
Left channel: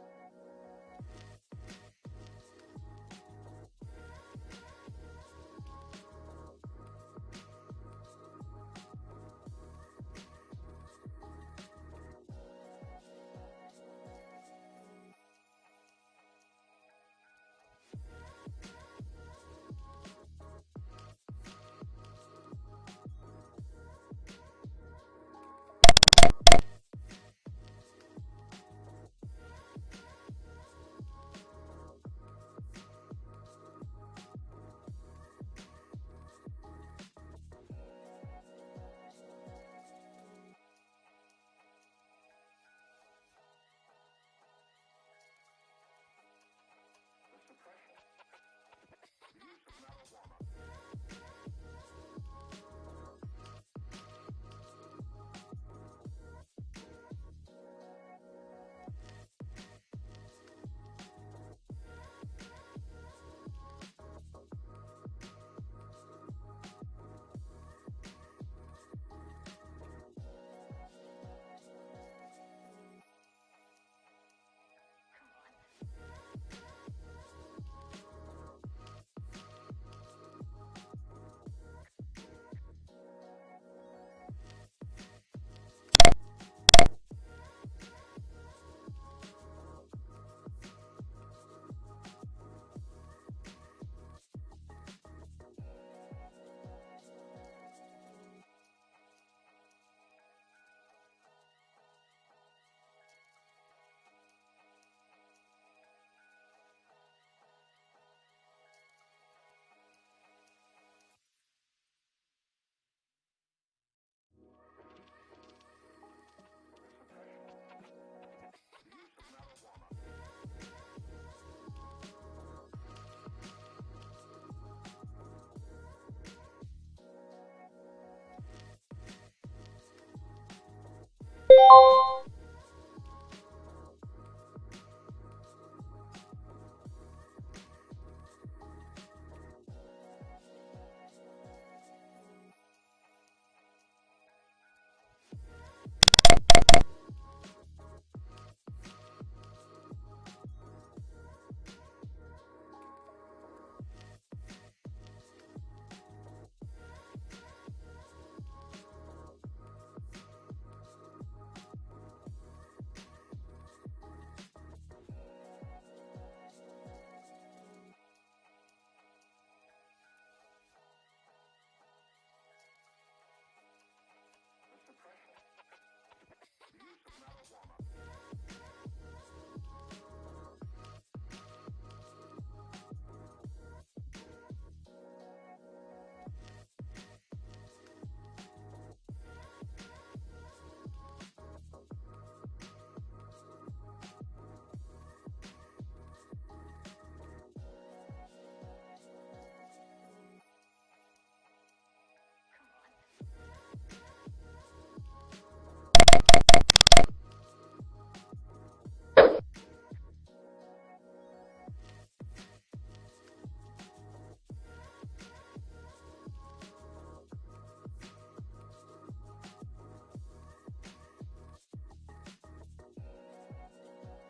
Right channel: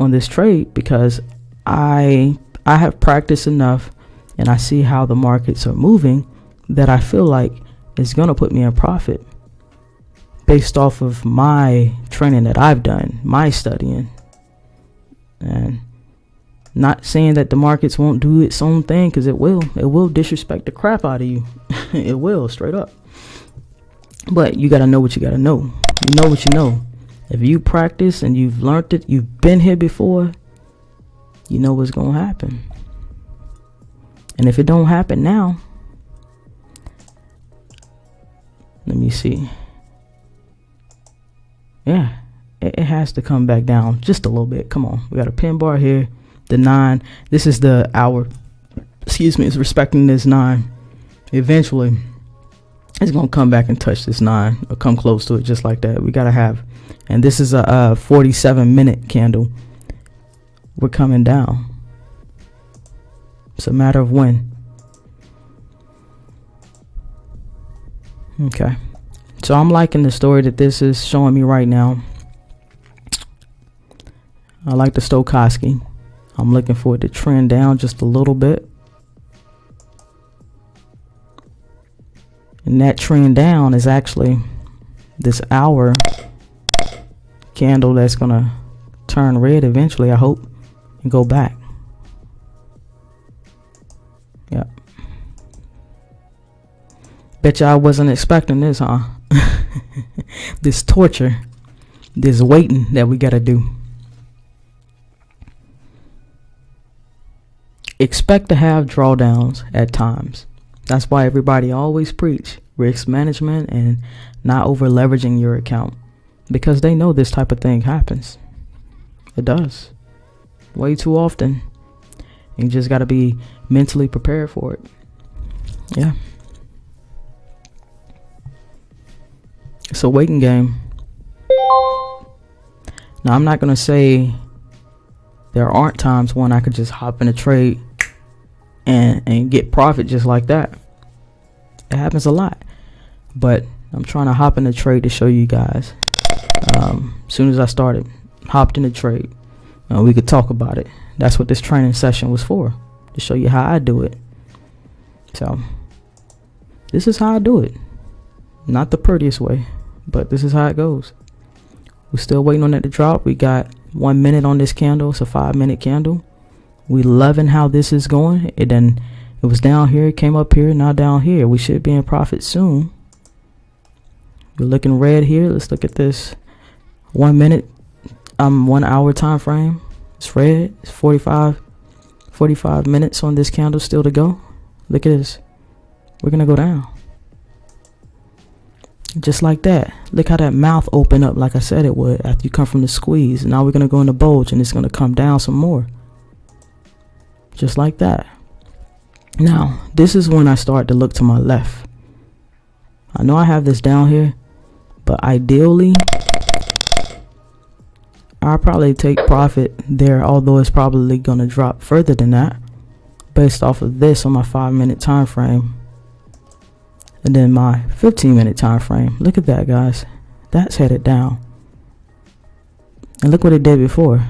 on this trade because I have practiced enough and I see how the markets are moving that I feel like it's going to put me in profit based off of my training that I've done, my studying. And not saying that the markets won't do its own thing, because it will disrespect the crap out of you. It will, straight up. But you got to know what you got to know. You know what you know. If you practice and you've learned it, you've been here before, you know what's going to happen. And if it don't happen now, let me see. Yeah, it has to come back down just a little bit. Come on. We got a pin bar here. The 9. This is the hour. Excuse me. It's respecting this 9. Eventually, it's going to come back and touch this 9 or come close to it just like that. We got to have. And this is a 47-minute candle. We're coming down. It's a matter of when. Okay. So I'm liking the story that this is showing me right now. I like the stochastic. I'm looking for it to trend down just a little bit. And that trend down is actually this hour candle that's going to turn red eventually, I hope, and go back. Yep. Bet y'all wasn't expecting this, huh? This torture, this waiting that we got to do. Expect to have drawdowns at times. That's why everybody always preach risk management and not over leveraging your account, because they know this type of thing happens. It does way too often. You just got to be mentally prepared for it. Yeah. It's a waiting game. Now, I'm not going to say there aren't times when I could just hop in a trade and get profit just like that. It happens a lot. But I'm trying to hop in a trade to show you guys. As soon as I started, hopped in a trade. We could talk about it. That's what this training session was for, to show you how I do it. So, this is how I do it. Not the prettiest way, but this is how it goes. We're still waiting on it to drop. We got 1 minute on this candle. It's a 5-minute candle. We loving how this is going. It was down here, it came up here, now down here. We should be in profit soon. We're looking red here. Let's look at this 1 minute, 1 hour time frame. It's red. It's 45 minutes on this candle still to go. Look at this. We're gonna go down. Just like that. Look how that mouth opened up like I said it would after you come from the squeeze. Now we're going to go in the bulge and it's going to come down some more. Just like that. Now, this is when I start to look to my left. I know I have this down here, but ideally, I'll probably take profit there, although it's probably going to drop further than that based off of this on my 5-minute time frame. And then my 15-minute time frame. Look at that, guys. That's headed down. And look what it did before.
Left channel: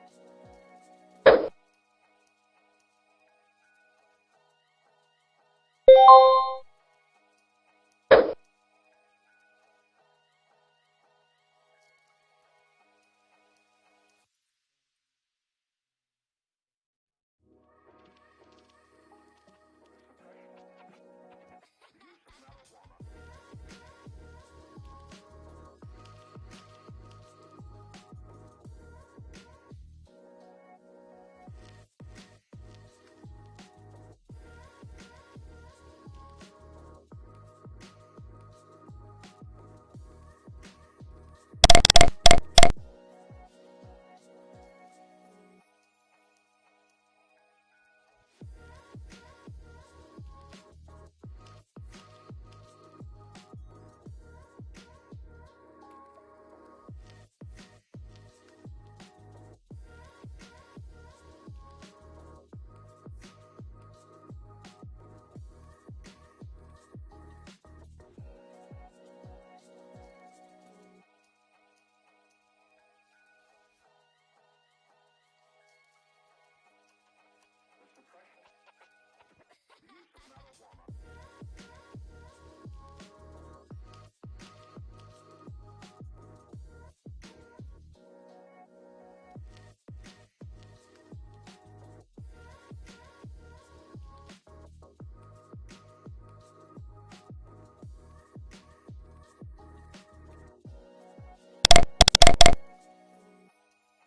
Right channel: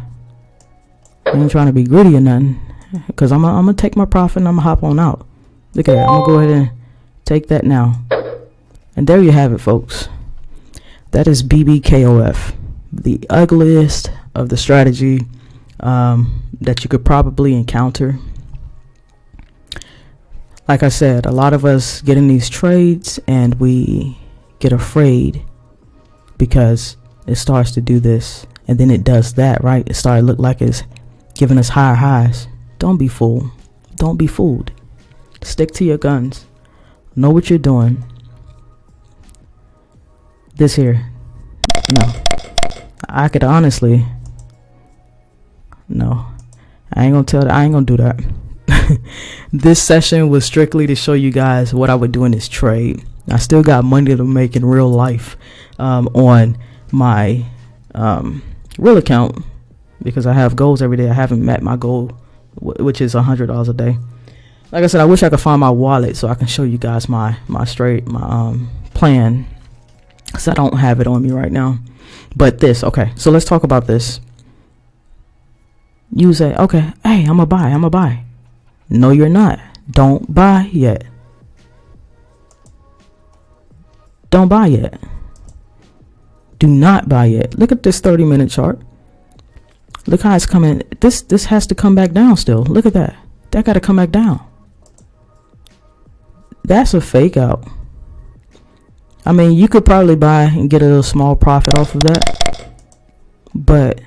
I ain't trying to be greedy or nothing, because I'm going to take my profit and I'm going to hop on out. Look at that. I'm going to go ahead and take that now. And there you have it, folks. That is KOF, the ugliest of the strategy that you could probably encounter. Like I said, a lot of us get in these trades and we get afraid because it starts to do this and then it does that, right? It started to look like it's giving us higher highs. Don't be fooled. Don't be fooled. Stick to your guns. Know what you're doing. This here, no. I could honestly, no. I ain't gonna do that. This session was strictly to show you guys what I would do in this trade. I still got money to make in real life on my real account because I have goals every day. I haven't met my goal, which is $100 a day. Like I said, I wish I could find my wallet so I can show you guys my plan, because I don't have it on me right now. But this, okay, so let's talk about this. You say, okay, hey, I'm gonna buy. No, you're not. Don't buy yet. Don't buy yet. Do not buy yet. Look at this 30-minute chart. Look how it's coming. This has to come back down still. Look at that. That got to come back down. That's a fake out. I mean, you could probably buy and get a little small profit off of that, but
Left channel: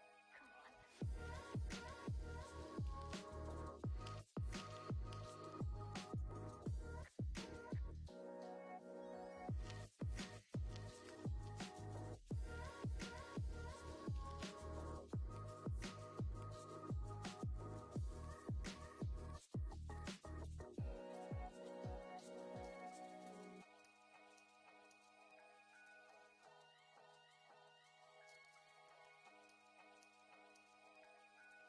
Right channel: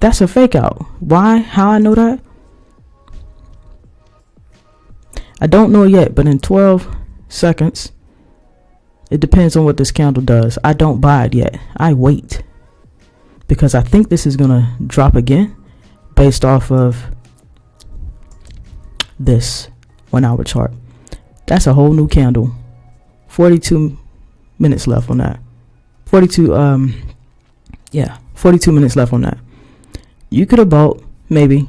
that's a fake out. Why? How I know that? I don't know yet, but in 12 seconds, it depends on what this candle does. I don't buy it yet. I wait because I think this is going to drop again based off of this 1 hour chart. That's a whole new candle. 42 minutes left on that. 42 minutes left on that. You could have bought maybe,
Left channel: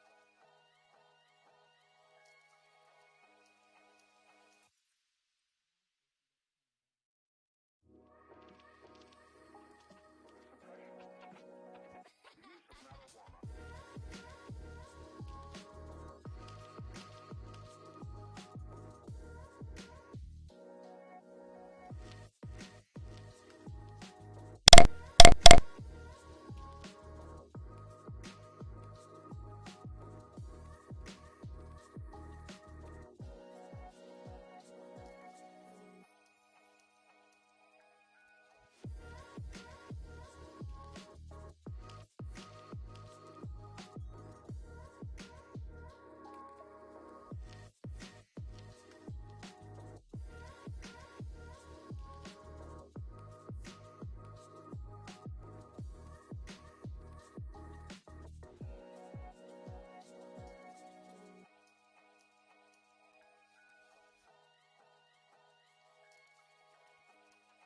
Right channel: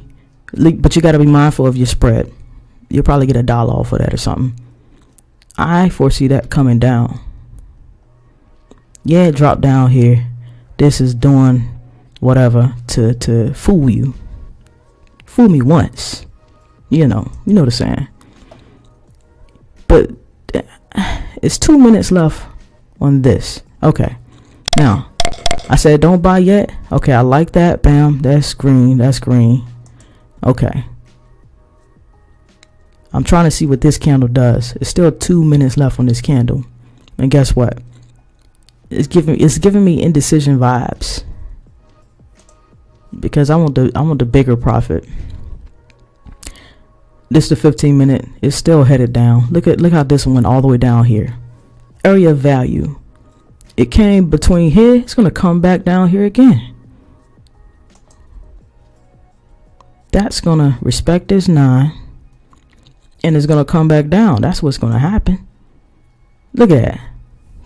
but you got to be mindful of your spread. You'll probably get $1 off of that or something. I foresee that coming down. Yeah, it dropped down here. This is doing whatever to fool you. Fool me once. You know the saying. But it's 2 minutes left on this. Okay. Now, I said don't buy yet. Okay, I like that. Bam. That's green. That's green. Okay. I'm trying to see what this candle does. It's still 2 minutes left on this candle. And guess what? It's giving me indecision vibes. Because I want the bigger profit. This is the 15-minute. It's still headed down. Look how this one went all the way down here. Area of value. It came between here. It's gonna come back down here again. That's gonna respect this 9. And it's gonna come back down. That's what's gonna happen. Look at that.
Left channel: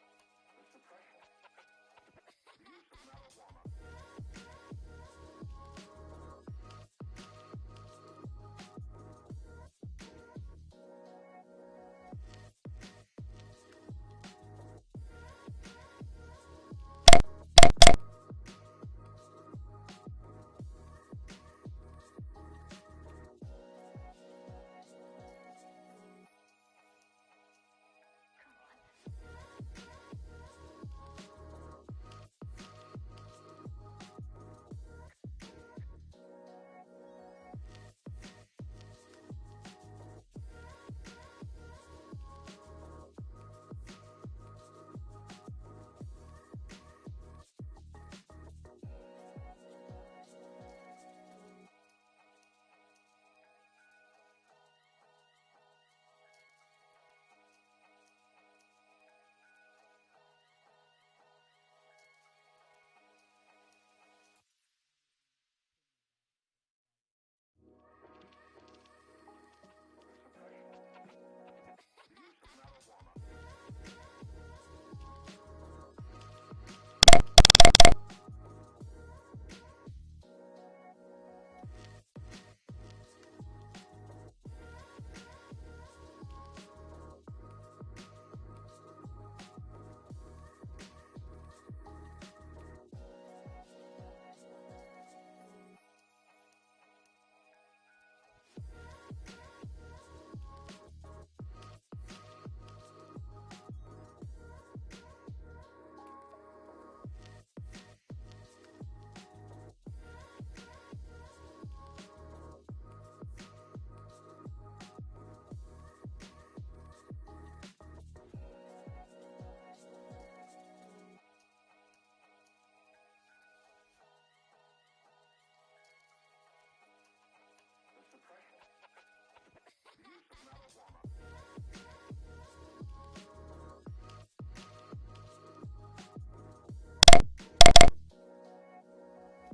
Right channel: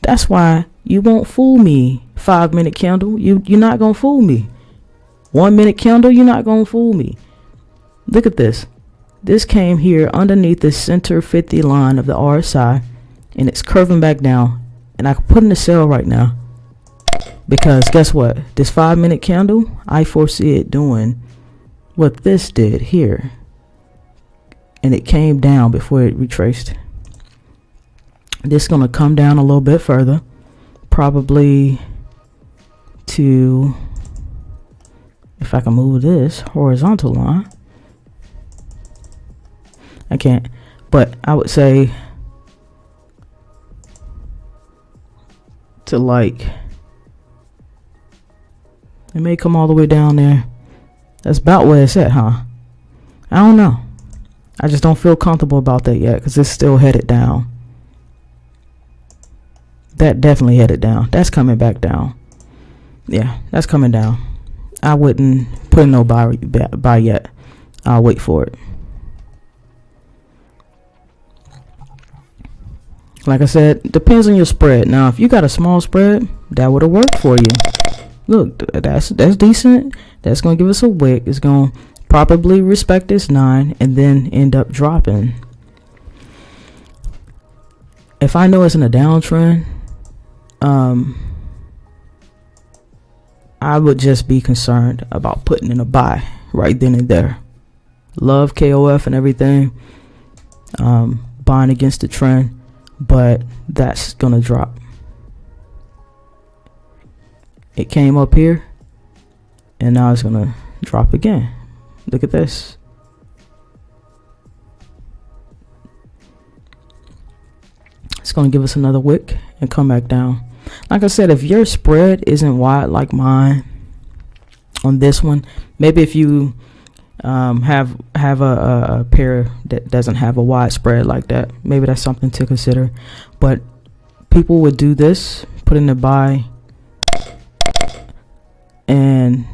That's why you won't fool me. 5-minute candle. You're not gonna fool me. 1 minute candle. You're not gonna fool me. Look at this. This came here underneath the center 50 line of the RSI, and it's curving back down. And I can put in a sell right now because guess what? This 5-minute candle, I foresee it doing what this did here. And it came down before it retraced. This is going to come down a little bit further, probably to, if I can move this horizontal line. I can't, but I would say to like, it may come all the way down there. That's about where it's at, huh? I don't know. I just don't feel comfortable about that yet because it's still headed down. That definitely headed down. That's coming back down. Yeah, that's coming down. I wouldn't put in no buy yet. I'll wait for it. Like I said, depends on your spread. Now, if you got a small spread, that would have worked for you. Look, that's decent. That's going to give us a wick. It's going to probably respect this 9 and then end up dropping. If I know it's in a downtrend, I would just be concerned about putting in a buy right then and there. Love KOF and everything, buying against the trend, but that's gonna drop. It came up here and now it's gonna drop again. Look at this. It's going to give us another wick and come back down. Like I said, if your spread isn't wide like mine on this one, maybe if you have a pair that doesn't have a wide spread like that, maybe that's something to consider. But people would do this, put in the buy, and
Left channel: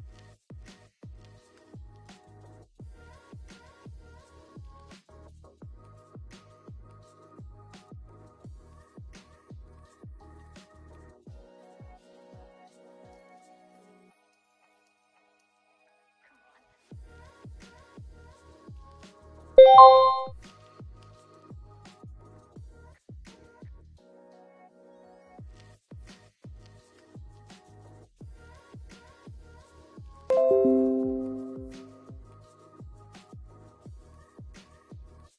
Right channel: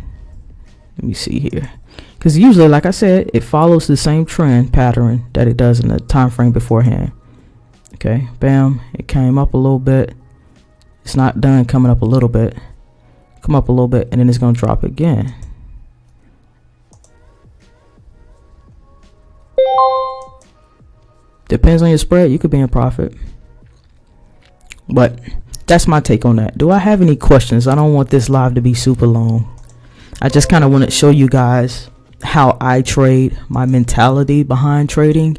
let me see here, because usually, like I said, it follows the same trend pattern that it does in the time frame beforehand. Okay, bam, it came up a little bit. It's not done coming up a little bit. Come up a little bit, and then it's going to drop again. Depends on your spread. You could be in profit. But that's my take on that. Do I have any questions? I don't want this live to be super long. I just kind of want to show you guys how I trade, my mentality behind trading,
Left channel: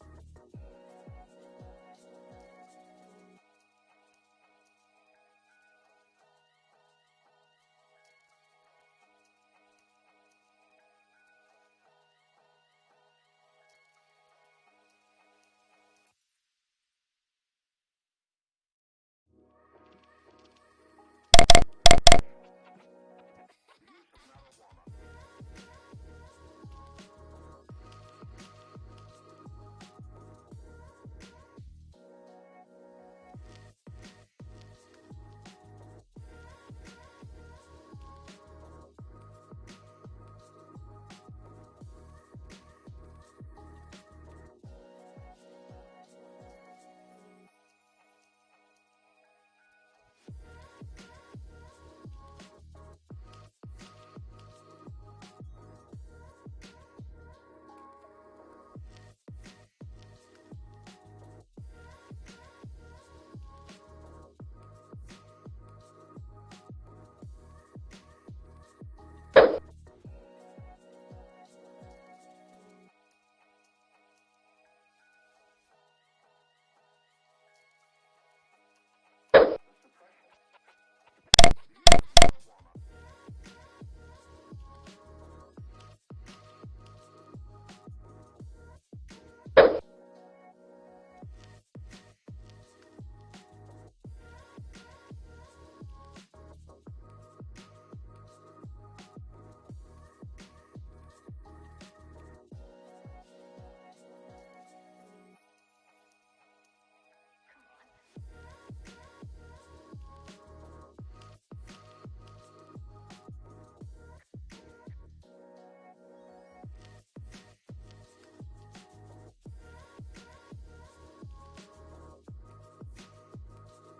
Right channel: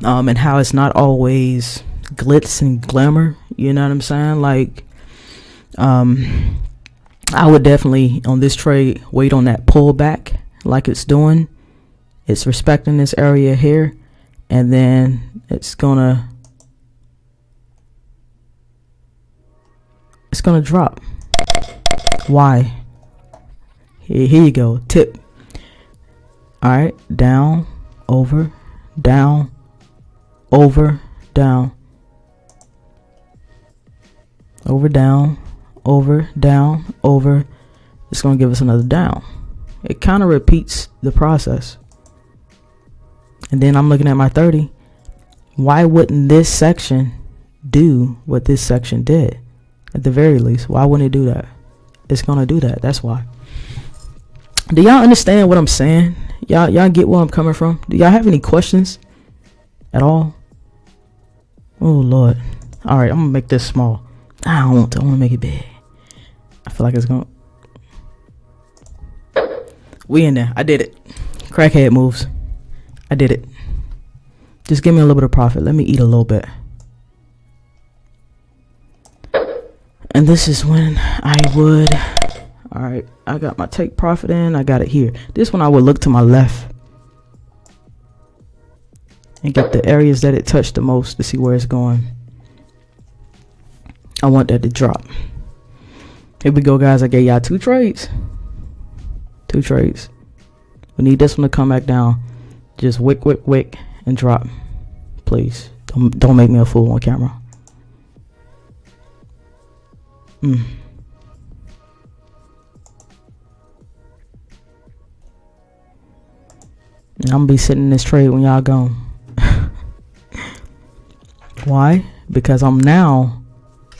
and how it's not always glitz and glamour. You know what I'm saying? Like, I would definitely on this trade wait on that pullback like it's doing. It's respecting this area here, and then it's gonna drop. Why? Here you go. Tip. All right, down, over, down, over, down, over, down, over, down, over. It's gonna give us another down. It kind of repeats the process. And then I'm looking at my 30. Why wouldn't this section do what this section did? At the very least, why wouldn't it do that? It's gonna do that. That's why. Do y'all understand what I'm saying? Y'all get where I'm coming from? Do y'all have any questions at all? Oh Lord. All right, I'm gonna make this small. I want to make it big. I feel like it's gonna. We in there. I did it. Crackhead moves. I did it. Just give me a little bit of profit. Let me eat a little bit. And this is when I would. All right, I got my take profit in. I got it here. This one I would look to my left and get the areas that it touched the most to see where it's going. I want that to drop. Here we go, guys. I gave y'all two trades. Two trades. We need this one to come back down. Just wick, wick, wick, and drop. Please. Don't make me a fool on camera. And I'm gonna be sitting in this trade when y'all gone. Why? Because I'm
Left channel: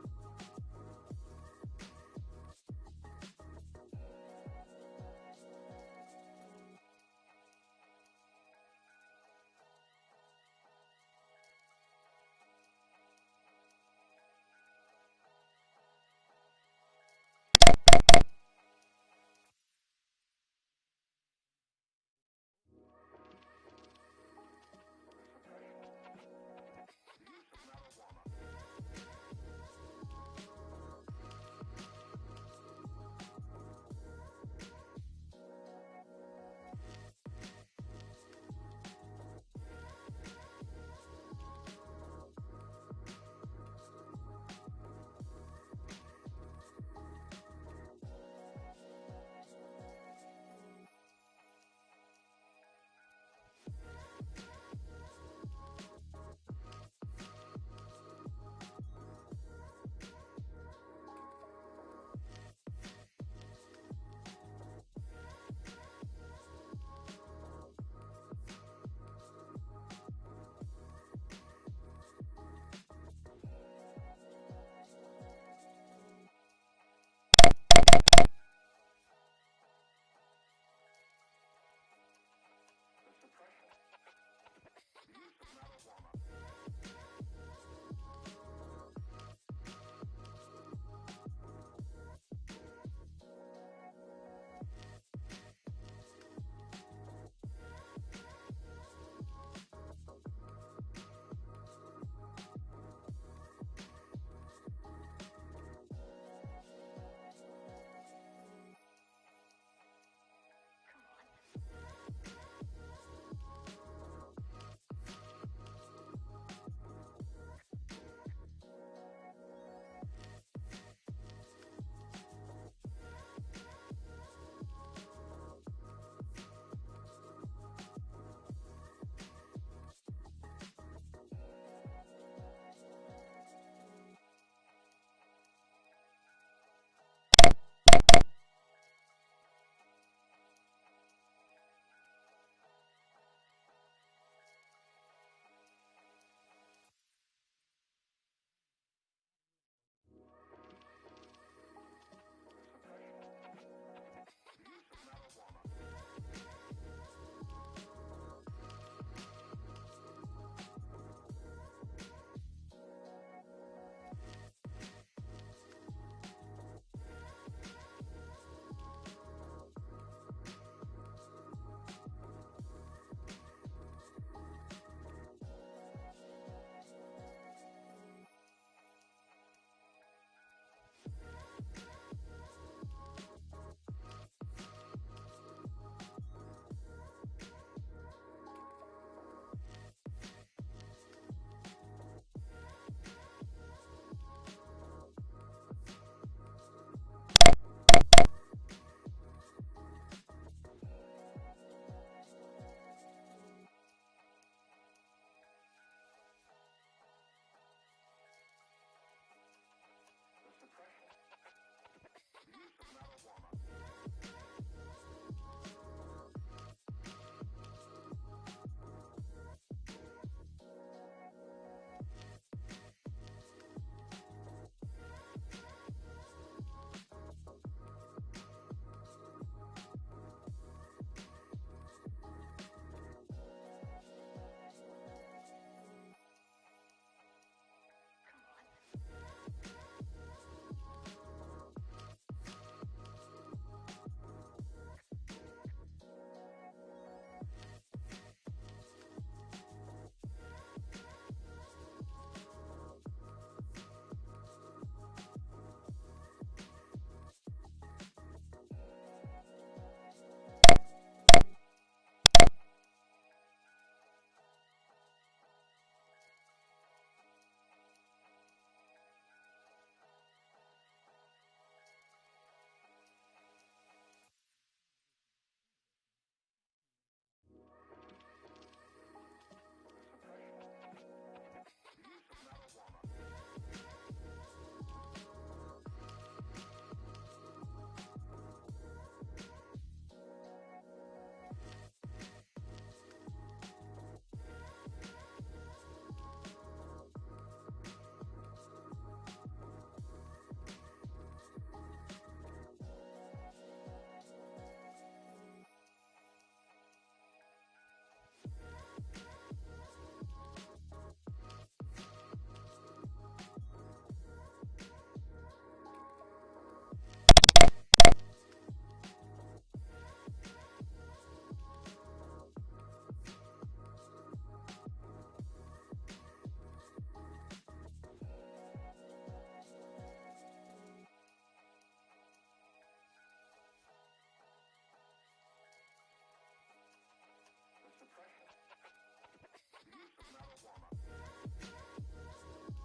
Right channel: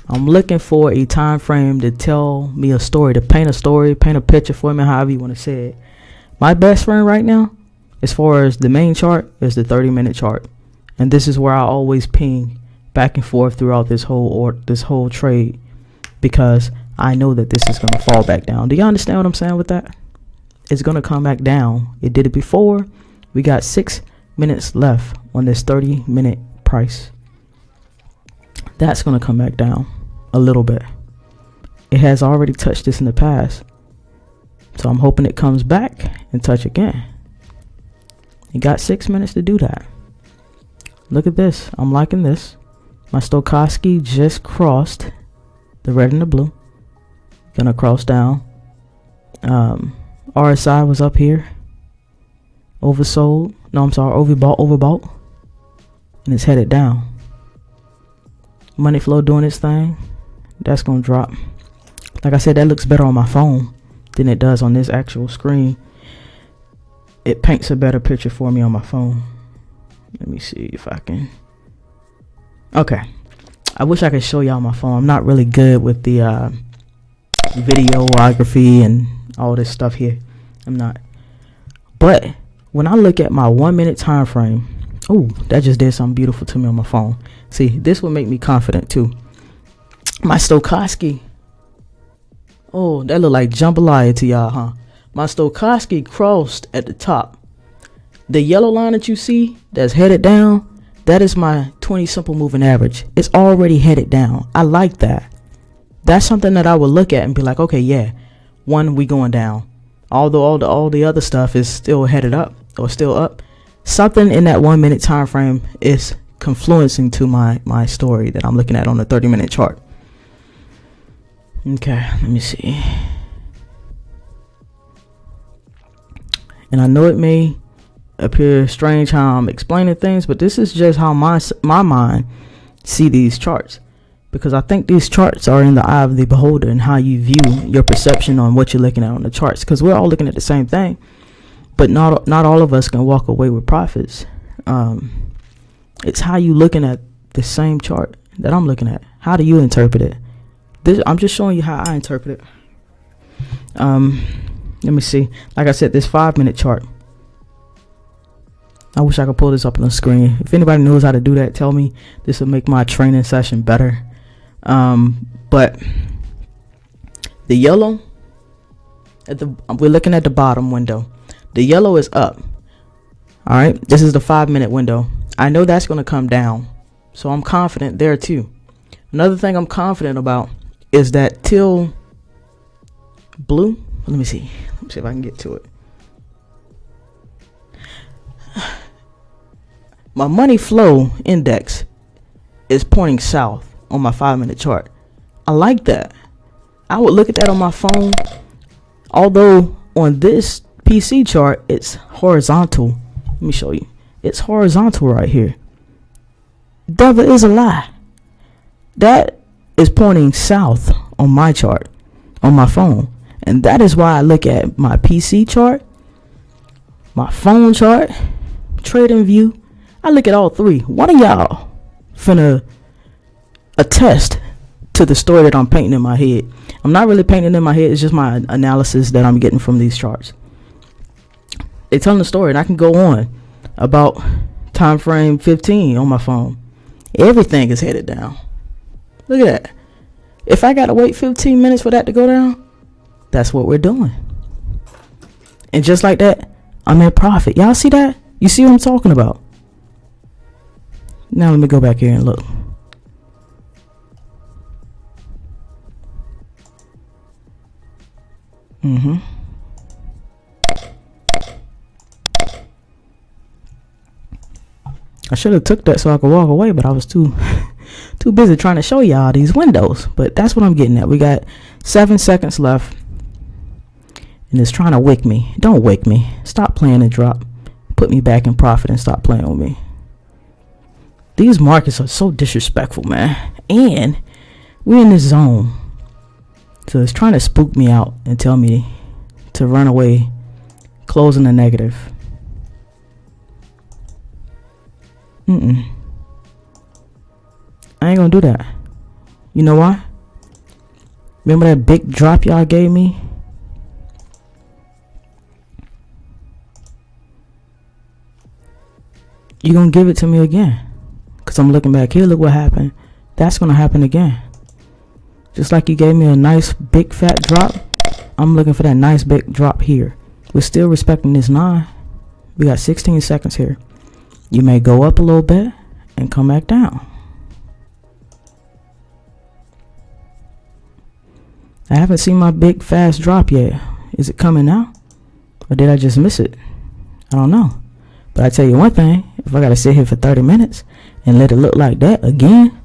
looking for a time frame to tell me a story, to paint a picture for me, however you want to say it. My best friend right now, as far as the main chart, is the 30-minute chart. And this is where I always ping back and forth throughout this whole trade, because I know that this is going to fall back down. Do you understand what I'm saying with that? It's going to come back down. It did it before. We got 6 minutes left on this 30-minute price. That's going to come back down a little bit. It has already touched this in the past. So I'm hoping it comes back and touch again. You got 6 minutes to do that. Look at this. I'm liking this. My Stochastic just crossed the red and the blue. Gonna cross down. RSI was up here. Oversold. No, I'm sorry. Overbought. And it's headed down. Money flow doing its thing. That's gonna drop. Like I said, that looks better on my phone than it does on this actual screen. It paints a better picture for me on my phone. Let me see if I can. Okay. I wish I could show y'all my phone. I'm not really good with the videography and all this stuff here. I'm not. But when I look at my 1 minute time frame, oh, that just did something beautiful to me on my phone. See, this will make me confident too. My Stochastic. Oh, that look like jambalaya to y'all, huh? My Stochastic crossed at the top. The yellow line that you see that's headed down, that is my 20 simple moving average. It's already headed down. I like that. That's something that I would look at and be like, okay, yeah, 1, we going down. although all the other stuff is still headed up or still up. Something in that 1 minute time frame is confluencing to my story that I'm looking at on the 30-minute chart. Okay, let me see. And I know it may appear strange how I'm explaining things, but this is just how my mind see these charts, because I think these charts are in the eye of the beholder and how you view your perception on what you're looking at on the charts, because we're all looking at the same thing, but not all of us can walk away with profits. It's how you looking at the same chart that I'm looking at. How do you interpret it? I'm just showing you how I interpret it. Let me see. Like I said, this 5-minute chart. I wish I could pull this up on the screen. If anybody knows how to do that, tell me. This will make my training session better. But the yellow, we're looking at the bottom window. The yellow is up. All right. This is the 5-minute window. I know that's going to come down, so I'm confident there too. Another thing I'm confident about is that till blue. Let me see if I can get to it. My money flow index is pointing south on my 5-minute chart. I like that. I would look at that on my phone. Although on this PC chart, it's horizontal. Let me show you. It's horizontal right here. Devil is a lie. That is pointing south on my chart, on my phone. And that is why I look at my PC chart, my phone chart, trading view. I look at all three. One of y'all finna attest to the story that I'm painting in my head. I'm not really painting in my head. It's just my analysis that I'm getting from these charts. They telling the story, and I can go on about time frame 15 on my phone. Everything is headed down. Look at that. If I gotta wait 15 minutes for that to go down, that's what we're doing. And just like that, I'm in profit. Y'all see that? You see what I'm talking about? Now let me go back here and look. I should have took that so I could walk away, but I was too busy trying to show y'all these windows. But that's what I'm getting at. We got 7 seconds left, and it's trying to wake me. Don't wake me. Stop playing and drop. Put me back in profit and stop playing with me. These markets are so disrespectful, man. And we're in this zone, so it's trying to spook me out and tell me to run away, closing the negative. I ain't gonna do that. You know why? Remember that big drop y'all gave me? You gonna give it to me again? Cause I'm looking back here, look what happened. That's gonna happen again. Just like you gave me a nice big fat drop, I'm looking for that nice big drop here. We're still respecting this 9. We got 16 seconds here. You may go up a little bit and come back down. I haven't seen my big fast drop yet. Is it coming now? Or did I just miss it? I don't know. But I tell you one thing, if I gotta sit here for 30 minutes and let it look like that again,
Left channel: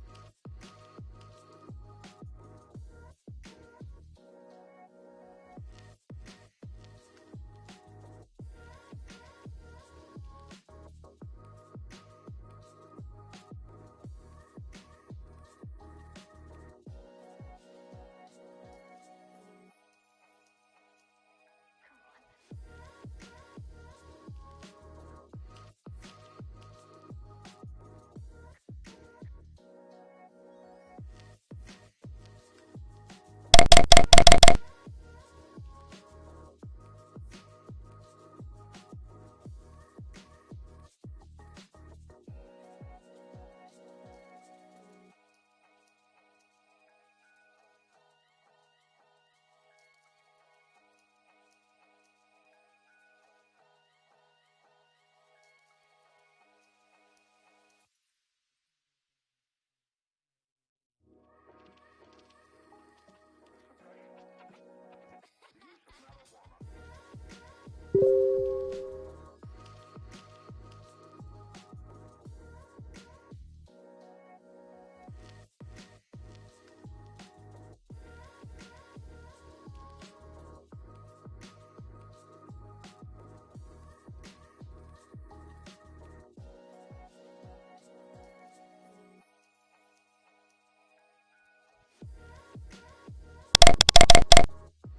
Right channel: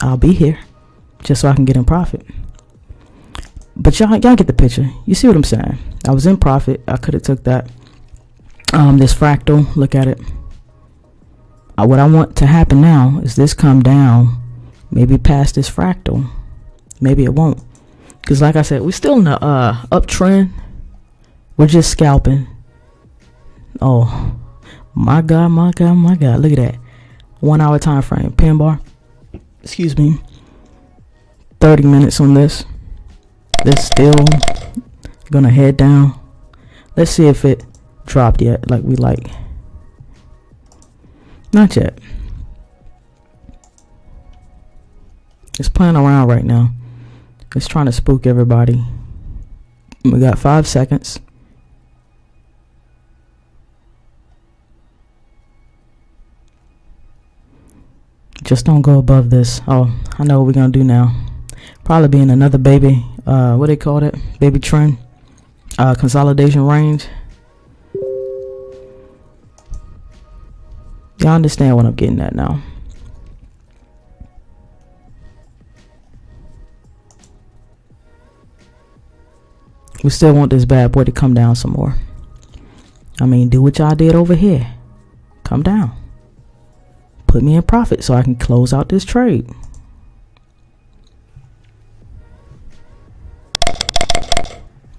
I'll be here just so I can get in profit. But y'all get the picture. You see what I'm saying? I was in profit. I could have took that. This fractal, look at it. What I want to happen now is this come down, maybe past this fractal. Maybe it won't. Because like I said, we're still in the uptrend. We're just scalping. Oh, my God, my God, my God. Look at that. 1 hour time frame. Pin bar. Excuse me. 30 minutes on this. This still going to head down. Let's see if it dropped yet like we like. Not yet. It's playing around right now. It's trying to spook everybody. We got 5 seconds. Just don't go above this. Oh, I know what we're going to do now. Probably be in another baby, what they call it? Baby trend. consolidation range. Y'all understand what I'm getting at now. We still want this bad boy to come down some more. I mean, do what y'all did over here. Come down. Put me in profit so I can close out this trade.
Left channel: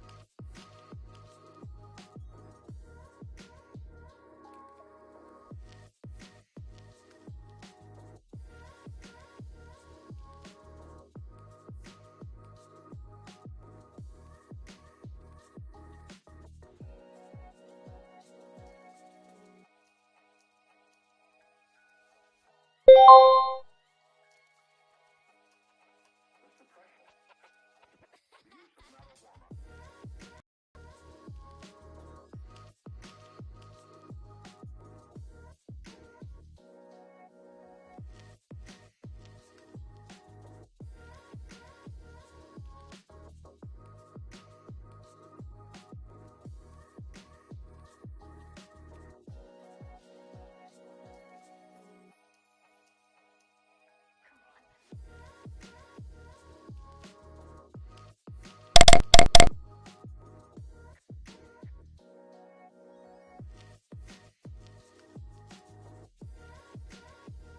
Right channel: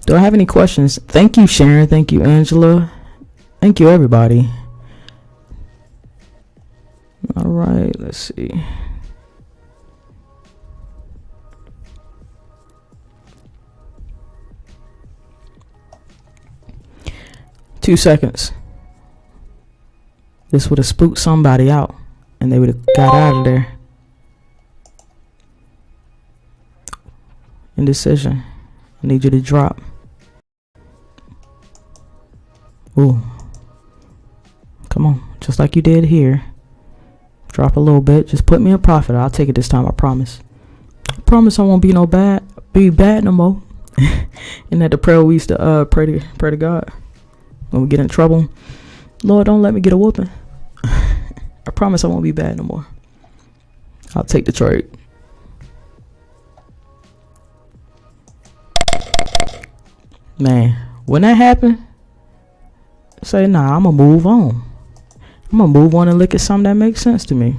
Do I have any questions? Thank you, Sharon. Thank you, Angela. Thank you, everybody. All right, let's see. Two seconds. This would have spooked somebody out and they would have got out of there. Indecision. I need you to drop. Ooh. Come on. Just like you did here. Drop a little bit. Just put me in profit. I'll take it this time. I promise. I promise I won't be bad no more. Isn't that the prayer we used to pray to God when we get in trouble? Lord, don't let me get a whooping. I promise I won't be bad no more. I'll take the trade. Man, when that happened, say, nah, I'm gonna move on. I'm gonna move on and look at something that makes sense to me.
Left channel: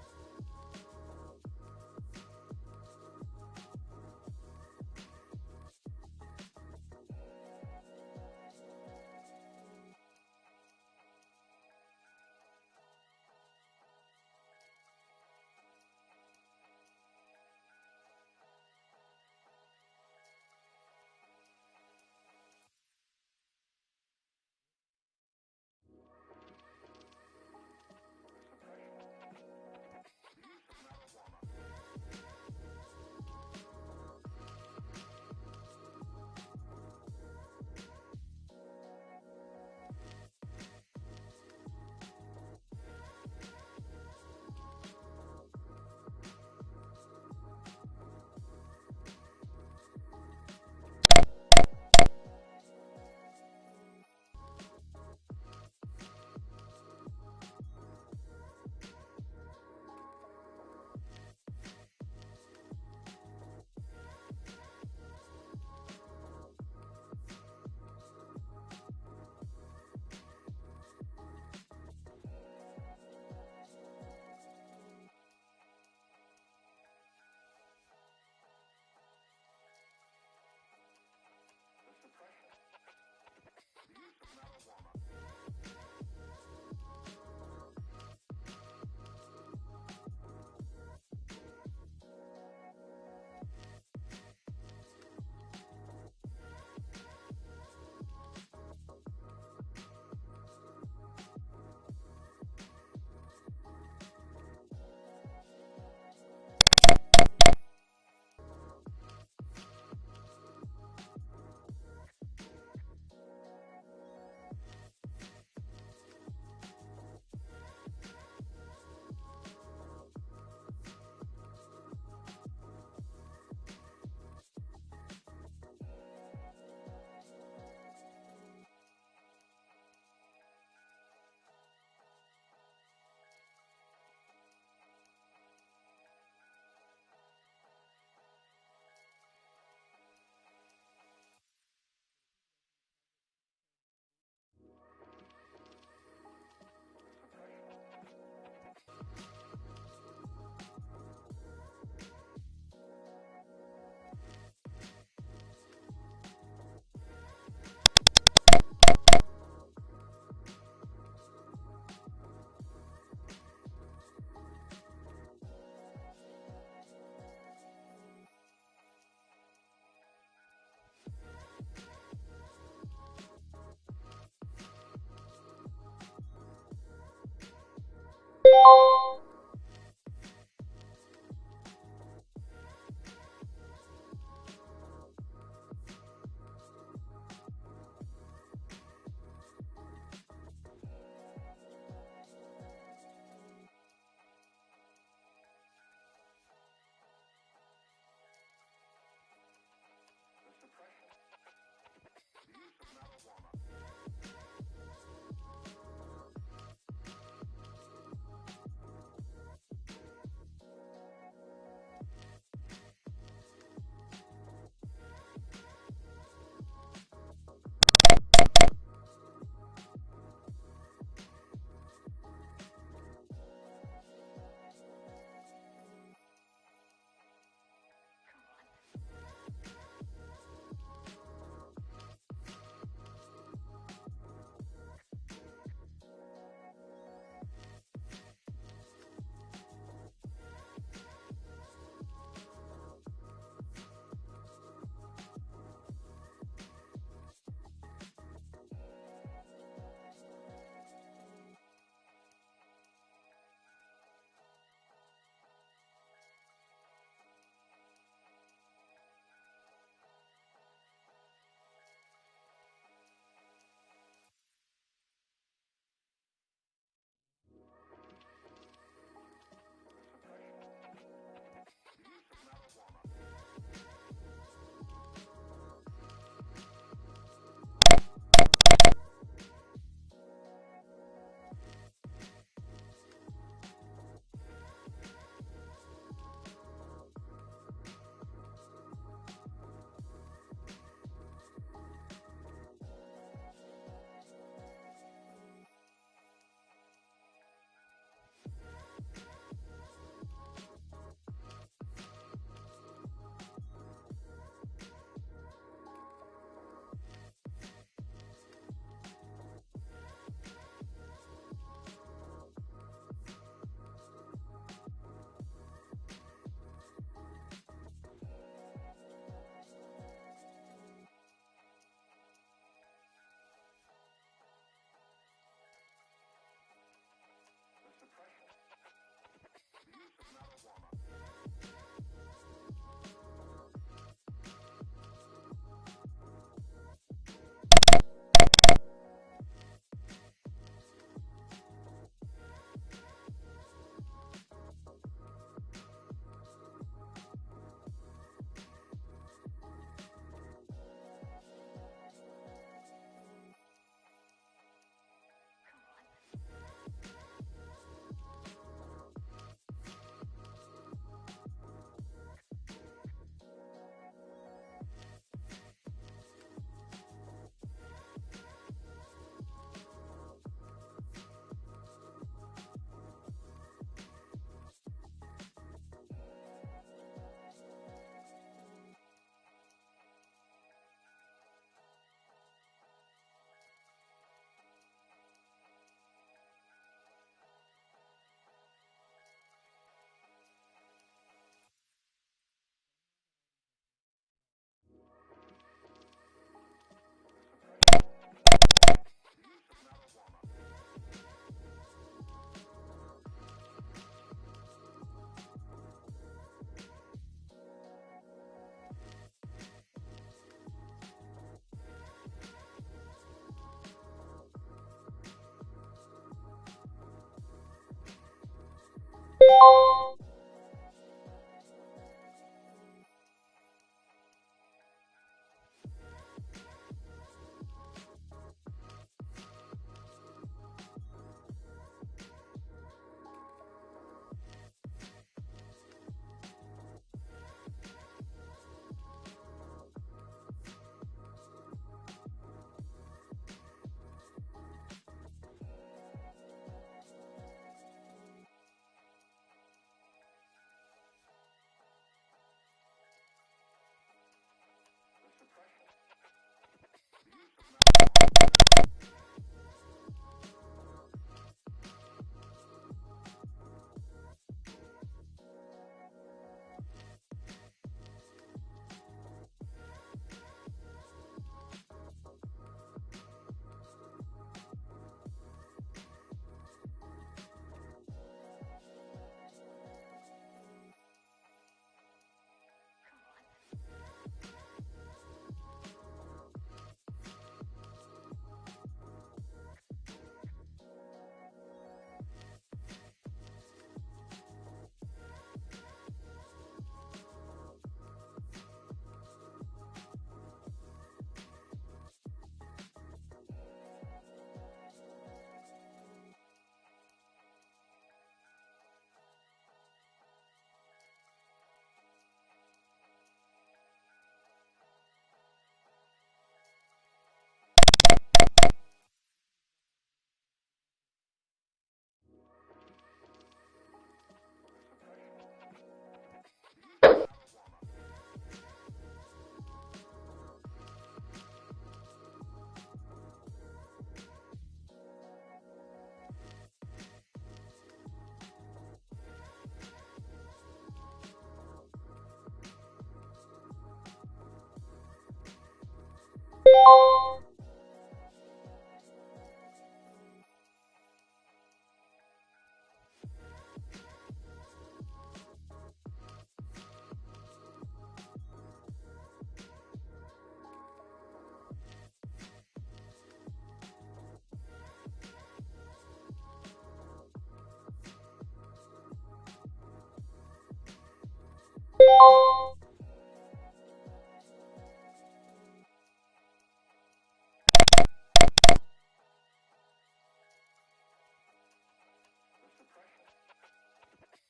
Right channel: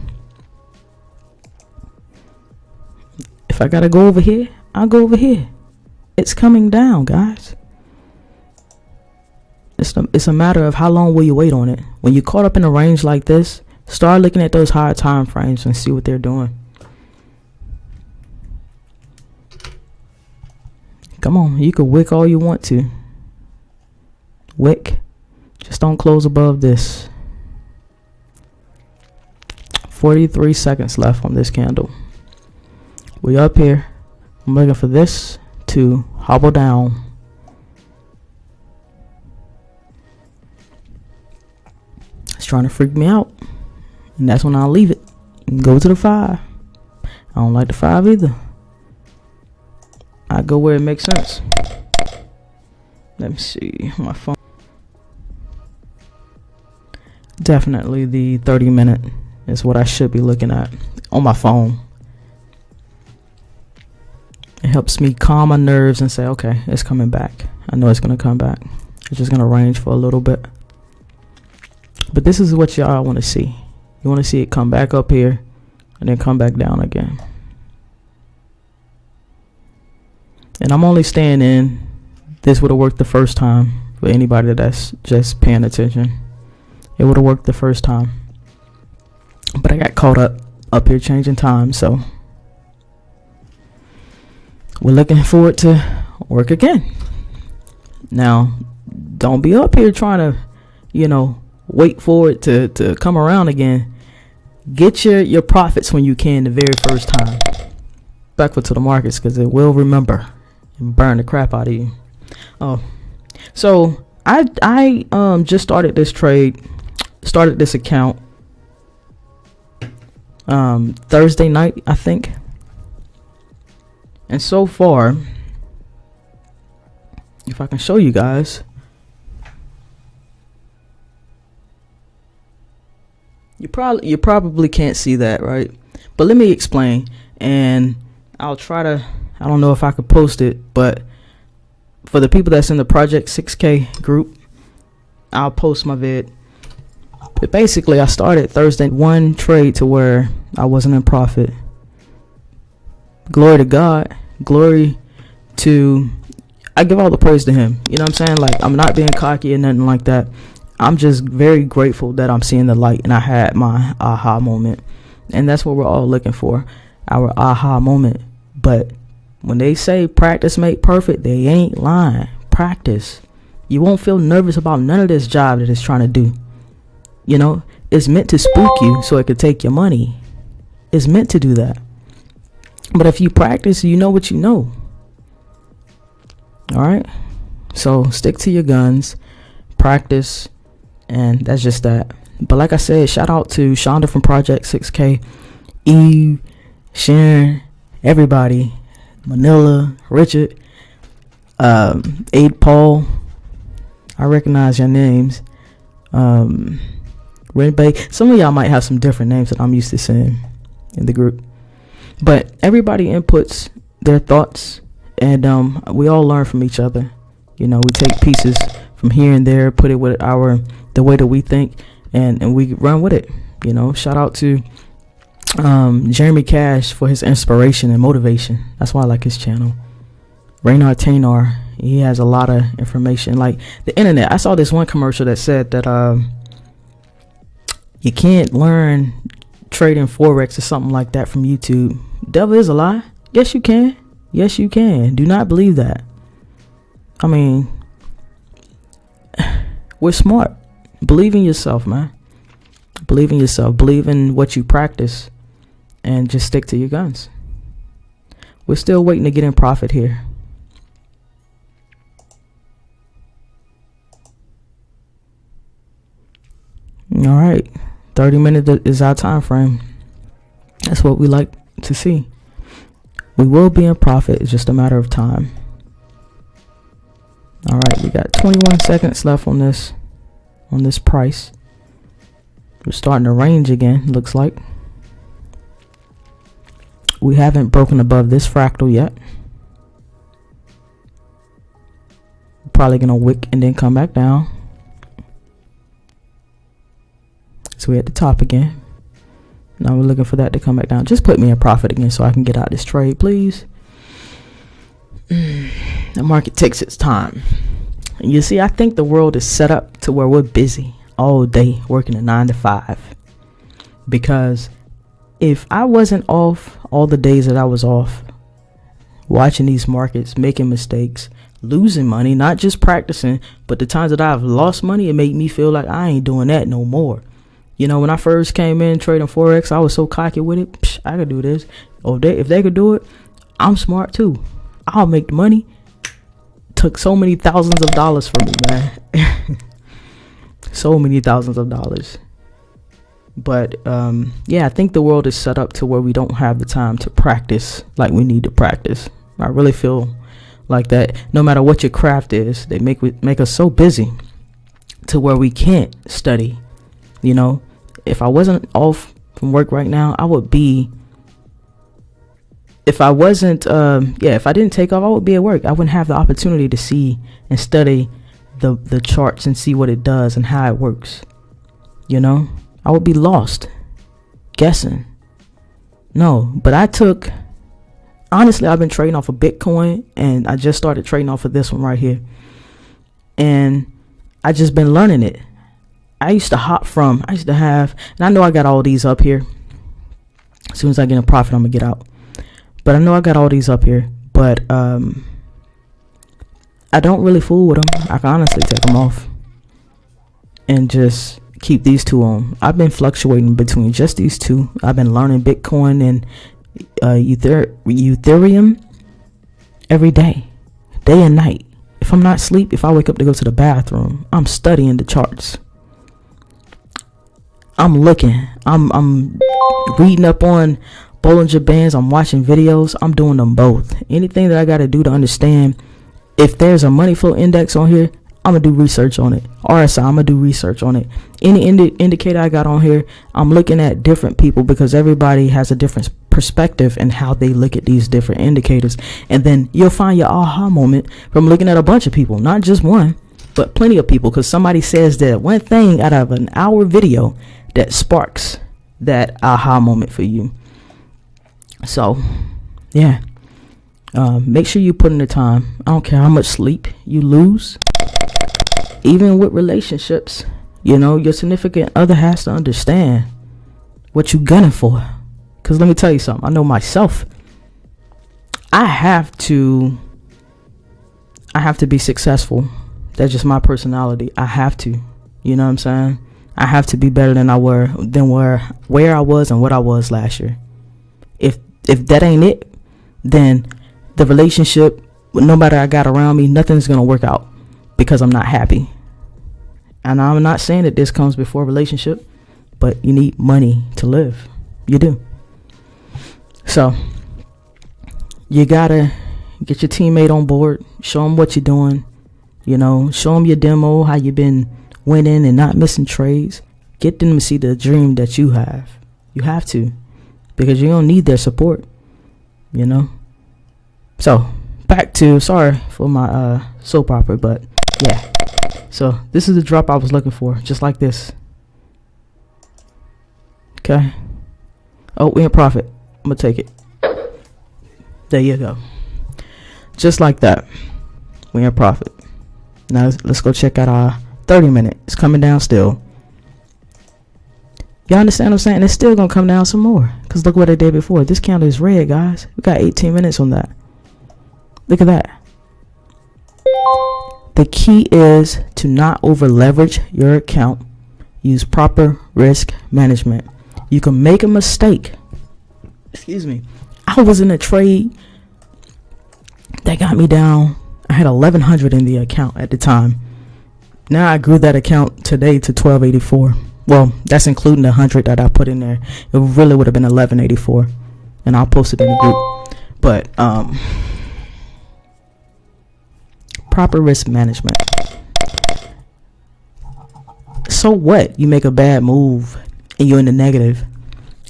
If I gotta go over here, I'll go over here. It's coming down, guys. It's a matter of how long will you wait on it. When you're caught up in a range like this, start looking at those higher time frames and see what they're doing. Come on, you can wick all you want to. Wick. Just don't close above this. 43 seconds left on this candle. We up here. I'm looking for this to hobble down. It's trying to freak me out. And that's when I'll leave it and go to the 5. I don't like the 5 either. I go where it makes sense. Let me see my phone. Definitely the 30-minute is what I should be looking at on my phone. It helps me calm my nerves and say, okay, it's coming back. I know it's going to come back. It's just going to range for a little bit. But this is what y'all want to see. You want to see it come back up here and then come back down again. And I'm only staying in. This would have worked the first time for anybody that's just paying attention. It would have worked the first time. But I got caught up here changing time, so we're looking for it to work again. Now, don't be up here trying to, wait for it to come around again. Get your profits when you can the very first time. Backward to the markets, because it will remember and burn the crap out of you. Oh, so I just started this trade, started this account Thursday night, I think. And so far, if I can show you guys, you probably can't see that, right? But let me explain, and I'll try to, I don't know if I could post it, but for the people that's in the Project 6K group, I'll post my vid. But basically, I started Thursday one trade to where I wasn't in profit. Glory to God. Glory to, I give all the praise to him. You know what I'm saying? Like, I'm not being cocky or nothing like that. I'm just very grateful that I'm seeing the light and I had my aha moment. And that's what we're all looking for, our aha moment. But when they say practice make perfect, they ain't lying. Practice. You won't feel nervous about none of this job that it's trying to do. It's meant to spook you so it could take your money. It's meant to do that. But if you practice, you know what you know. All right? So stick to your guns, practice, and that's just that. But like I said, shout out to Shonda from Project 6K, Eve, Sharon, everybody, Manila, Richard. Aid Paul, I recognize your names. Red Bay, some of y'all might have some different names that I'm used to seeing in the group, but everybody inputs their thoughts, and we all learn from each other. You know, we take pieces from here and there, put it with the way that we think, and we run with it. You know, shout out to Jeremy Cash for his inspiration and motivation. That's why I like his channel. Raynard Taynor, he has a lot of information. Like the internet, I saw this one commercial that said that you can't learn trading Forex or something like that from YouTube. Devil is a lie. Yes, you can. Yes, you can. Do not believe that. I mean, we're smart. Believe in yourself, man. Believe in yourself. Believe in what you practice, and just stick to your guns. We're still waiting to get in profit here. All right, 30 minutes is our time frame. That's what we like to see. We will be in profit. It's just a matter of time. All right, we got 21 seconds left on this price. We're starting to range again, looks like. We haven't broken above this fractal yet. Probably gonna wick and then come back down. So we're at the top again. Now we're looking for that to come back down. Just put me in profit again so I can get out this trade, please. The market takes its time. And you see, I think the world is set up to where we're busy all day working a 9 to 5. Because if I wasn't off all the days that I was off, watching these markets, making mistakes, losing money, not just practicing, but the times that I've lost money, it made me feel like I ain't doing that no more. You know, when I first came in trading Forex, I was so cocky with it. Psh, I could do this. Oh, if they could do it, I'm smart too. I'll make the money. Took so many thousands of dollars from me, man. So many thousands of dollars. But yeah, I think the world is set up to where we don't have the time to practice like we need to practice. I really feel like that. No matter what your craft is, they make us so busy to where we can't study. You know, if I wasn't off from work right now, I would be. If I wasn't, if I didn't take off, I would be at work. I wouldn't have the opportunity to see and study the charts and see what it does and how it works. You know, I would be lost, guessing. No, but honestly, I've been trading off of Bitcoin, and I just started trading off of this one right here. And I just been learning it. I used to have, and I know I got all these up here. As soon as I get a profit, I'm gonna get out. But I know I got all these up here, but I don't really fool with them. I can honestly take them off and just keep these two on. I've been fluctuating between just these two. I've been learning Bitcoin and Ethereum every day and night. If I'm not asleep, if I wake up to go to the bathroom, I'm studying the charts. I'm looking. I'm reading up on Bollinger Bands. I'm watching videos. I'm doing them both. Anything that I got to do to understand if there's a money flow index on here, I'm gonna do research on it. RSI, I'm gonna do research on it. Any indicator I got on here, I'm looking at different people because everybody has a different perspective in how they look at these different indicators. And then you'll find your aha moment from looking at a bunch of people, not just one, but plenty of people, because somebody says that one thing out of an hour video that sparks that aha moment for you. So yeah, make sure you put in the time. I don't care how much sleep you lose. Even with relationships, you know, your significant other has to understand what you gunning for. Because let me tell you something. I know myself. I have to be successful. That's just my personality. I have to. You know what I'm saying? I have to be better than where I was and what I was last year. If that ain't it, then the relationship, no matter I got around me, nothing's gonna work out because I'm not happy. And I'm not saying that this comes before a relationship, but you need money to live. You do. So you gotta Get your teammate on board. Show them what you're doing. You know, show them your demo, how you've been winning and not missing trades. Get them to see the dream that you have. You have to, because you don't need their support, you know. So back to, sorry for my soap opera, but yeah. So this is the drop I was looking for, just like this. Okay. Oh, we in profit. I'm gonna take it. There you go. Just like that. We in profit. Now let's go check out our 30-minute. It's coming down still. Y'all understand what I'm saying? It's still gonna come down some more, because look what I did before. This candle is red, guys. We got 18 minutes on that. Look at that. The key is to not over leverage your account. Use proper risk management. You can make a mistake. Excuse me. I was in a trade that got me down. I had 1,100 in the account at the time. Now I grew that account today to 1,284. Well, that's including the 100 that I put in there. It really would have been 1,184, and I'll post it in the group. But proper risk management. So what? You make a bad move and you're in the negative.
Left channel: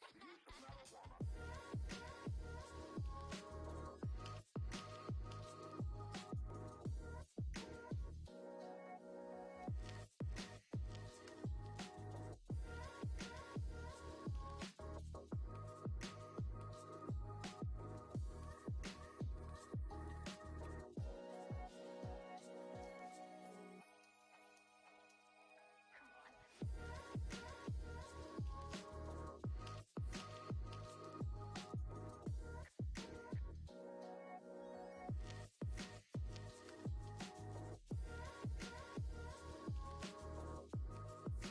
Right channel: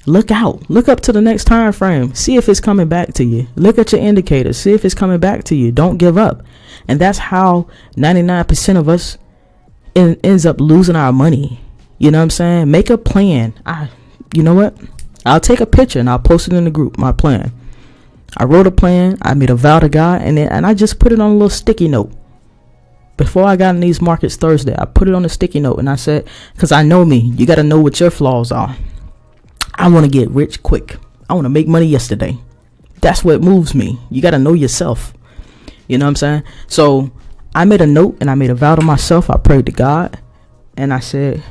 Look out. Look up to the next time frame. See if it's coming back to you. Look at your indicators. See if it's coming back to you. Don't give up. And that's how 99% of us ends up losing our money. You know what I'm saying? Make a plan. You know what? I'll take a picture and I'll post it in the group, my plan. I wrote a plan. I made a vow to God, and I just put it on a little sticky note. Before I got in these markets Thursday, I put it on a sticky note and I said, because I know me, you got to know what your flaws are. I want to get rich quick. I want to make money yesterday. That's what moves me. You got to know yourself. You know what I'm saying? So I made a note and I made a vow to myself. I prayed to God and I said,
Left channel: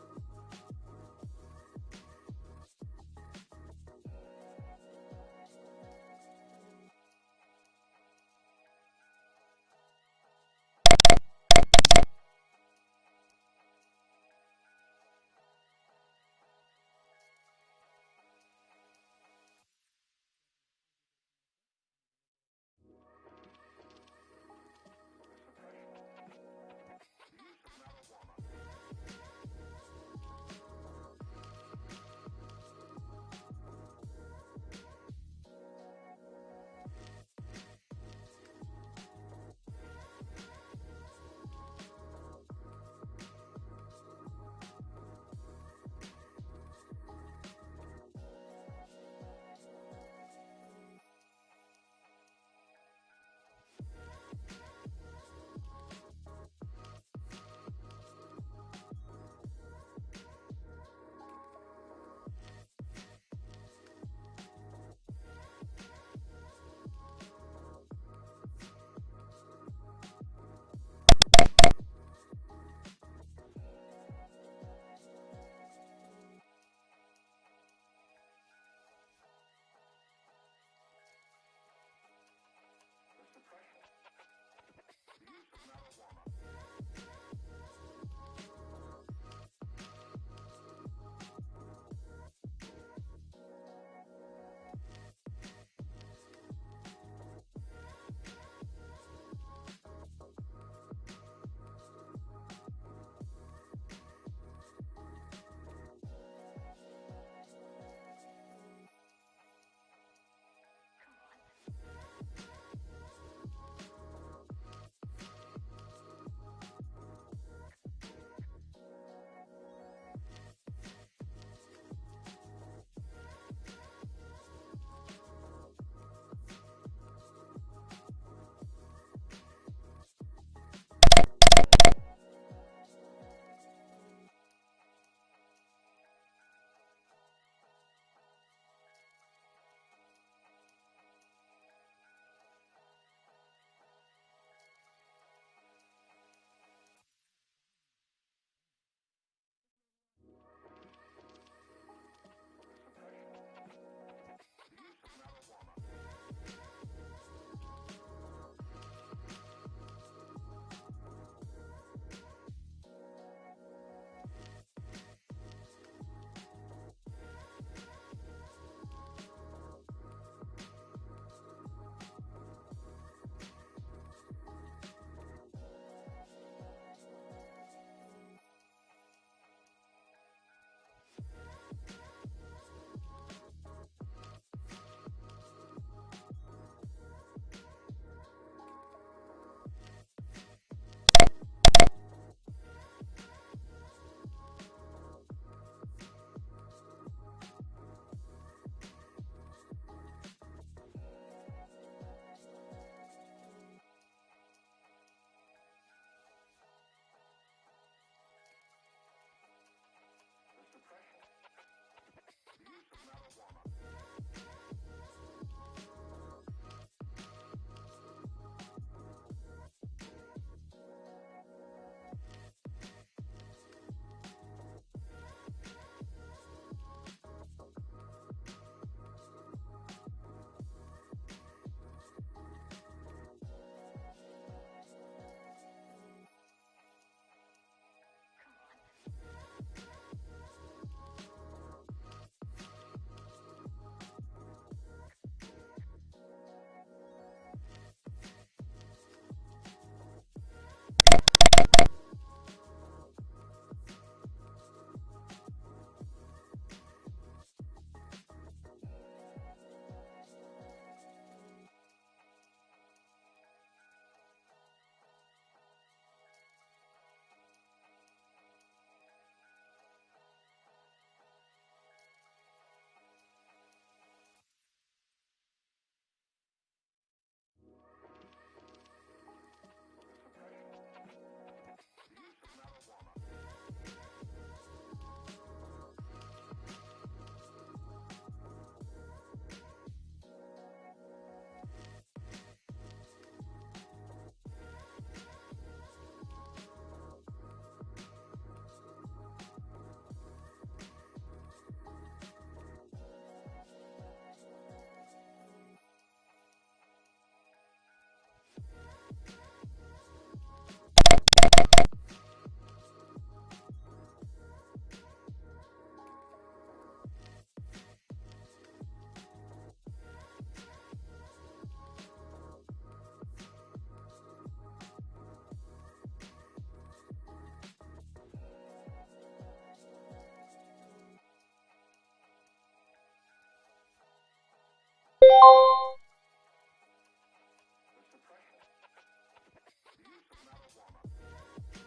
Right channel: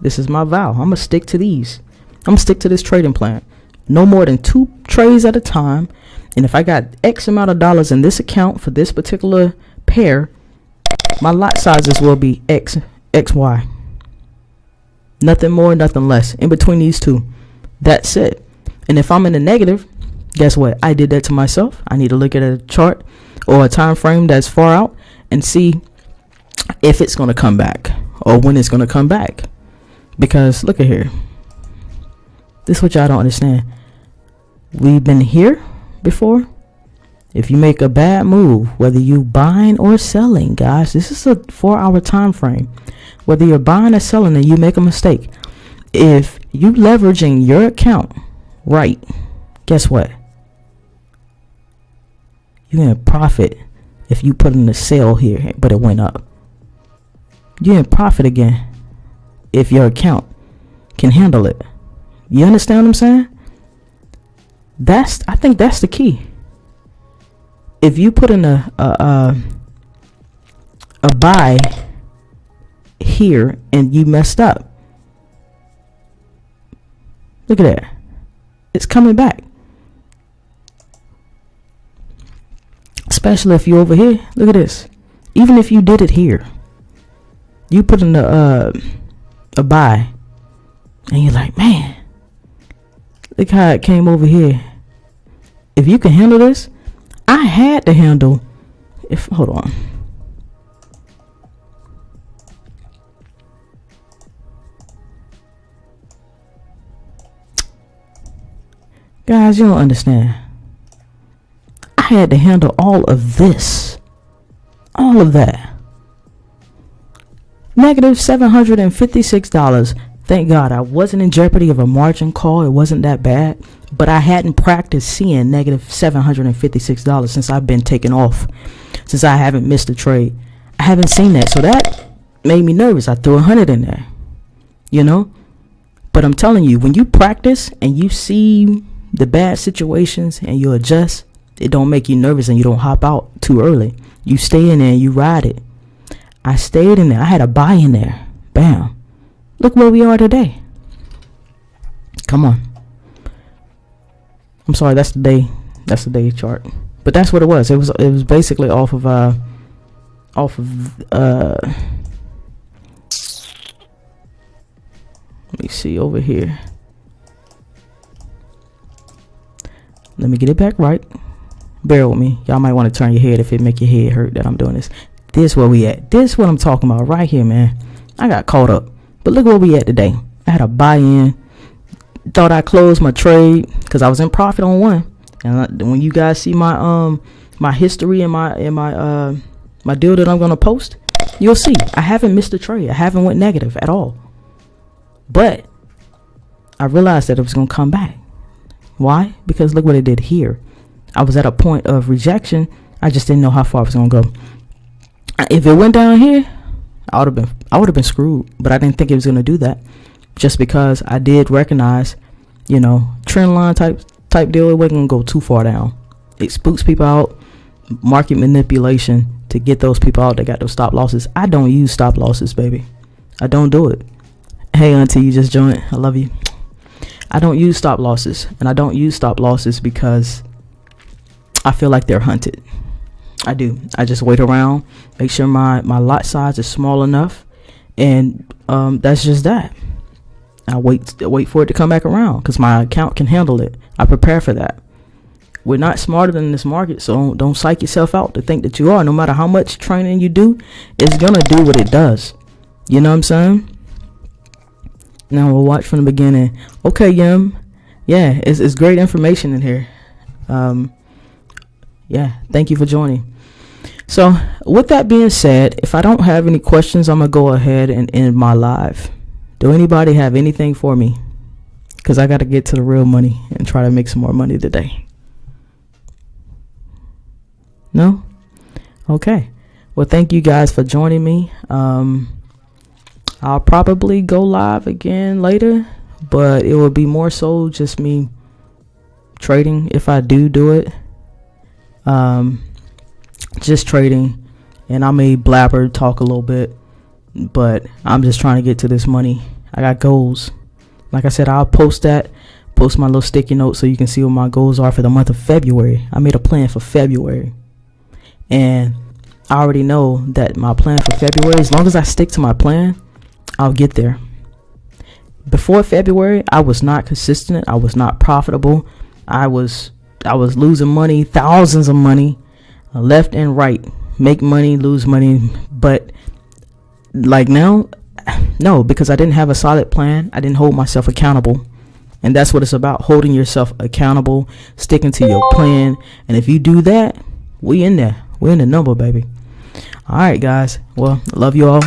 this is my vow. I'm going to stick to these. I'm going to stick to this trading plan. No more than 2 trades at a time. And if I got X amount of dollars in this account for this particular pair, my lot sizes will be XY. Nothing more, nothing less. In between these two. That's it. And if I'm in the negative, guess what? I did that to myself. I need to look at a chart or a time frame that's far out and see if it's going to come back or when it's going to come back. Because look at here. This is what y'all don't understand. We've been here before. If you make a bad move, whether you buying or selling, guys, this is a 4-hour time frame. Whether you're buying or selling and you make a mistake, if you leveraging your account right, guess what? You're gonna profit if you put in a sale here, but it went up. You're gonna profit again if your account can handle it. You understand what I'm saying? I think that's the key. If you put in a buy here and you messed up, look at that. It's coming back. Especially if you're over here. Look at this. Even if you did it here, you put in a buy and you're like, man, look how it came over here. If you can handle this, I had to handle. Hold on. Guys, you don't understand. I had to handle all of this. All of that. Negative $756. Thank God I wasn't in jeopardy of a margin call. It wasn't that bad. But I hadn't practiced seeing negative $756 since I've been taken off. Since I haven't missed a trade. I haven't seen that. So that made me nervous. I threw 100 in there. You know? But I'm telling you, when you practice and you see the bad situations and you adjust, it don't make you nervous and you don't hop out too early. You stay in there and you ride it. I stayed in there. I had a buy in there. Bam. Look where we are today. Come on. I'm sorry, that's the day chart. But that's what it was. It was basically off of let me see over here. Let me get it back right. Bear with me. Y'all might want to turn your head if it make your head hurt that I'm doing this. This where we at. This what I'm talking about right here, man. I got caught up. But look where we at today. I had a buy-in. Thought I closed my trade because I was in profit on one. And when you guys see my my history and my deal that I'm gonna post, you'll see I haven't missed a trade. I haven't went negative at all. But I realized that it was gonna come back. Why? Because look what it did here. I was at a point of rejection. I just didn't know how far I was gonna go. If it went down here, I would have been screwed. But I didn't think it was gonna do that, just because I did recognize, you know, trend line type deal. It wasn't gonna go too far down. It spooks people out. Market manipulation to get those people out that got those stop losses. I don't use stop losses, baby. I don't do it. Hey, auntie, you just joined. I love you. I don't use stop losses, and I don't use stop losses because I feel like they're hunted. I do. I just wait around, make sure my lot size is small enough, and that's just that. I wait for it to come back around because my account can handle it. I prepare for that. We're not smarter than this market, so don't psych yourself out to think that you are. No matter how much training you do, it's gonna do what it does. You know what I'm saying? Now we'll watch from the beginning. Okay, Yum. Yeah, it's great information in here. Yeah, thank you for joining. So with that being said, if I don't have any questions, I'm gonna go ahead and end my live. Do anybody have anything for me? Because I got to get to the real money and try to make some more money today. No? Okay. Well, thank you guys for joining me. I'll probably go live again later, but it will be more so just me trading if I do it. Just trading, and I may blabber, talk a little bit, but I'm just trying to get to this money. I got goals. Like I said, I'll post my little sticky note so you can see what my goals are for the month of February. I made a plan for February, and I already know that my plan for February, as long as I stick to my plan, I'll get there. Before February, I was not consistent. I was not profitable. I was losing money, thousands of money, left and right. Make money, lose money. But like now, no, because I didn't have a solid plan. I didn't hold myself accountable. And that's what it's about, holding yourself accountable, sticking to your plan. And if you do that, we in there. We're in the number, baby. All right, guys. Well, love you all.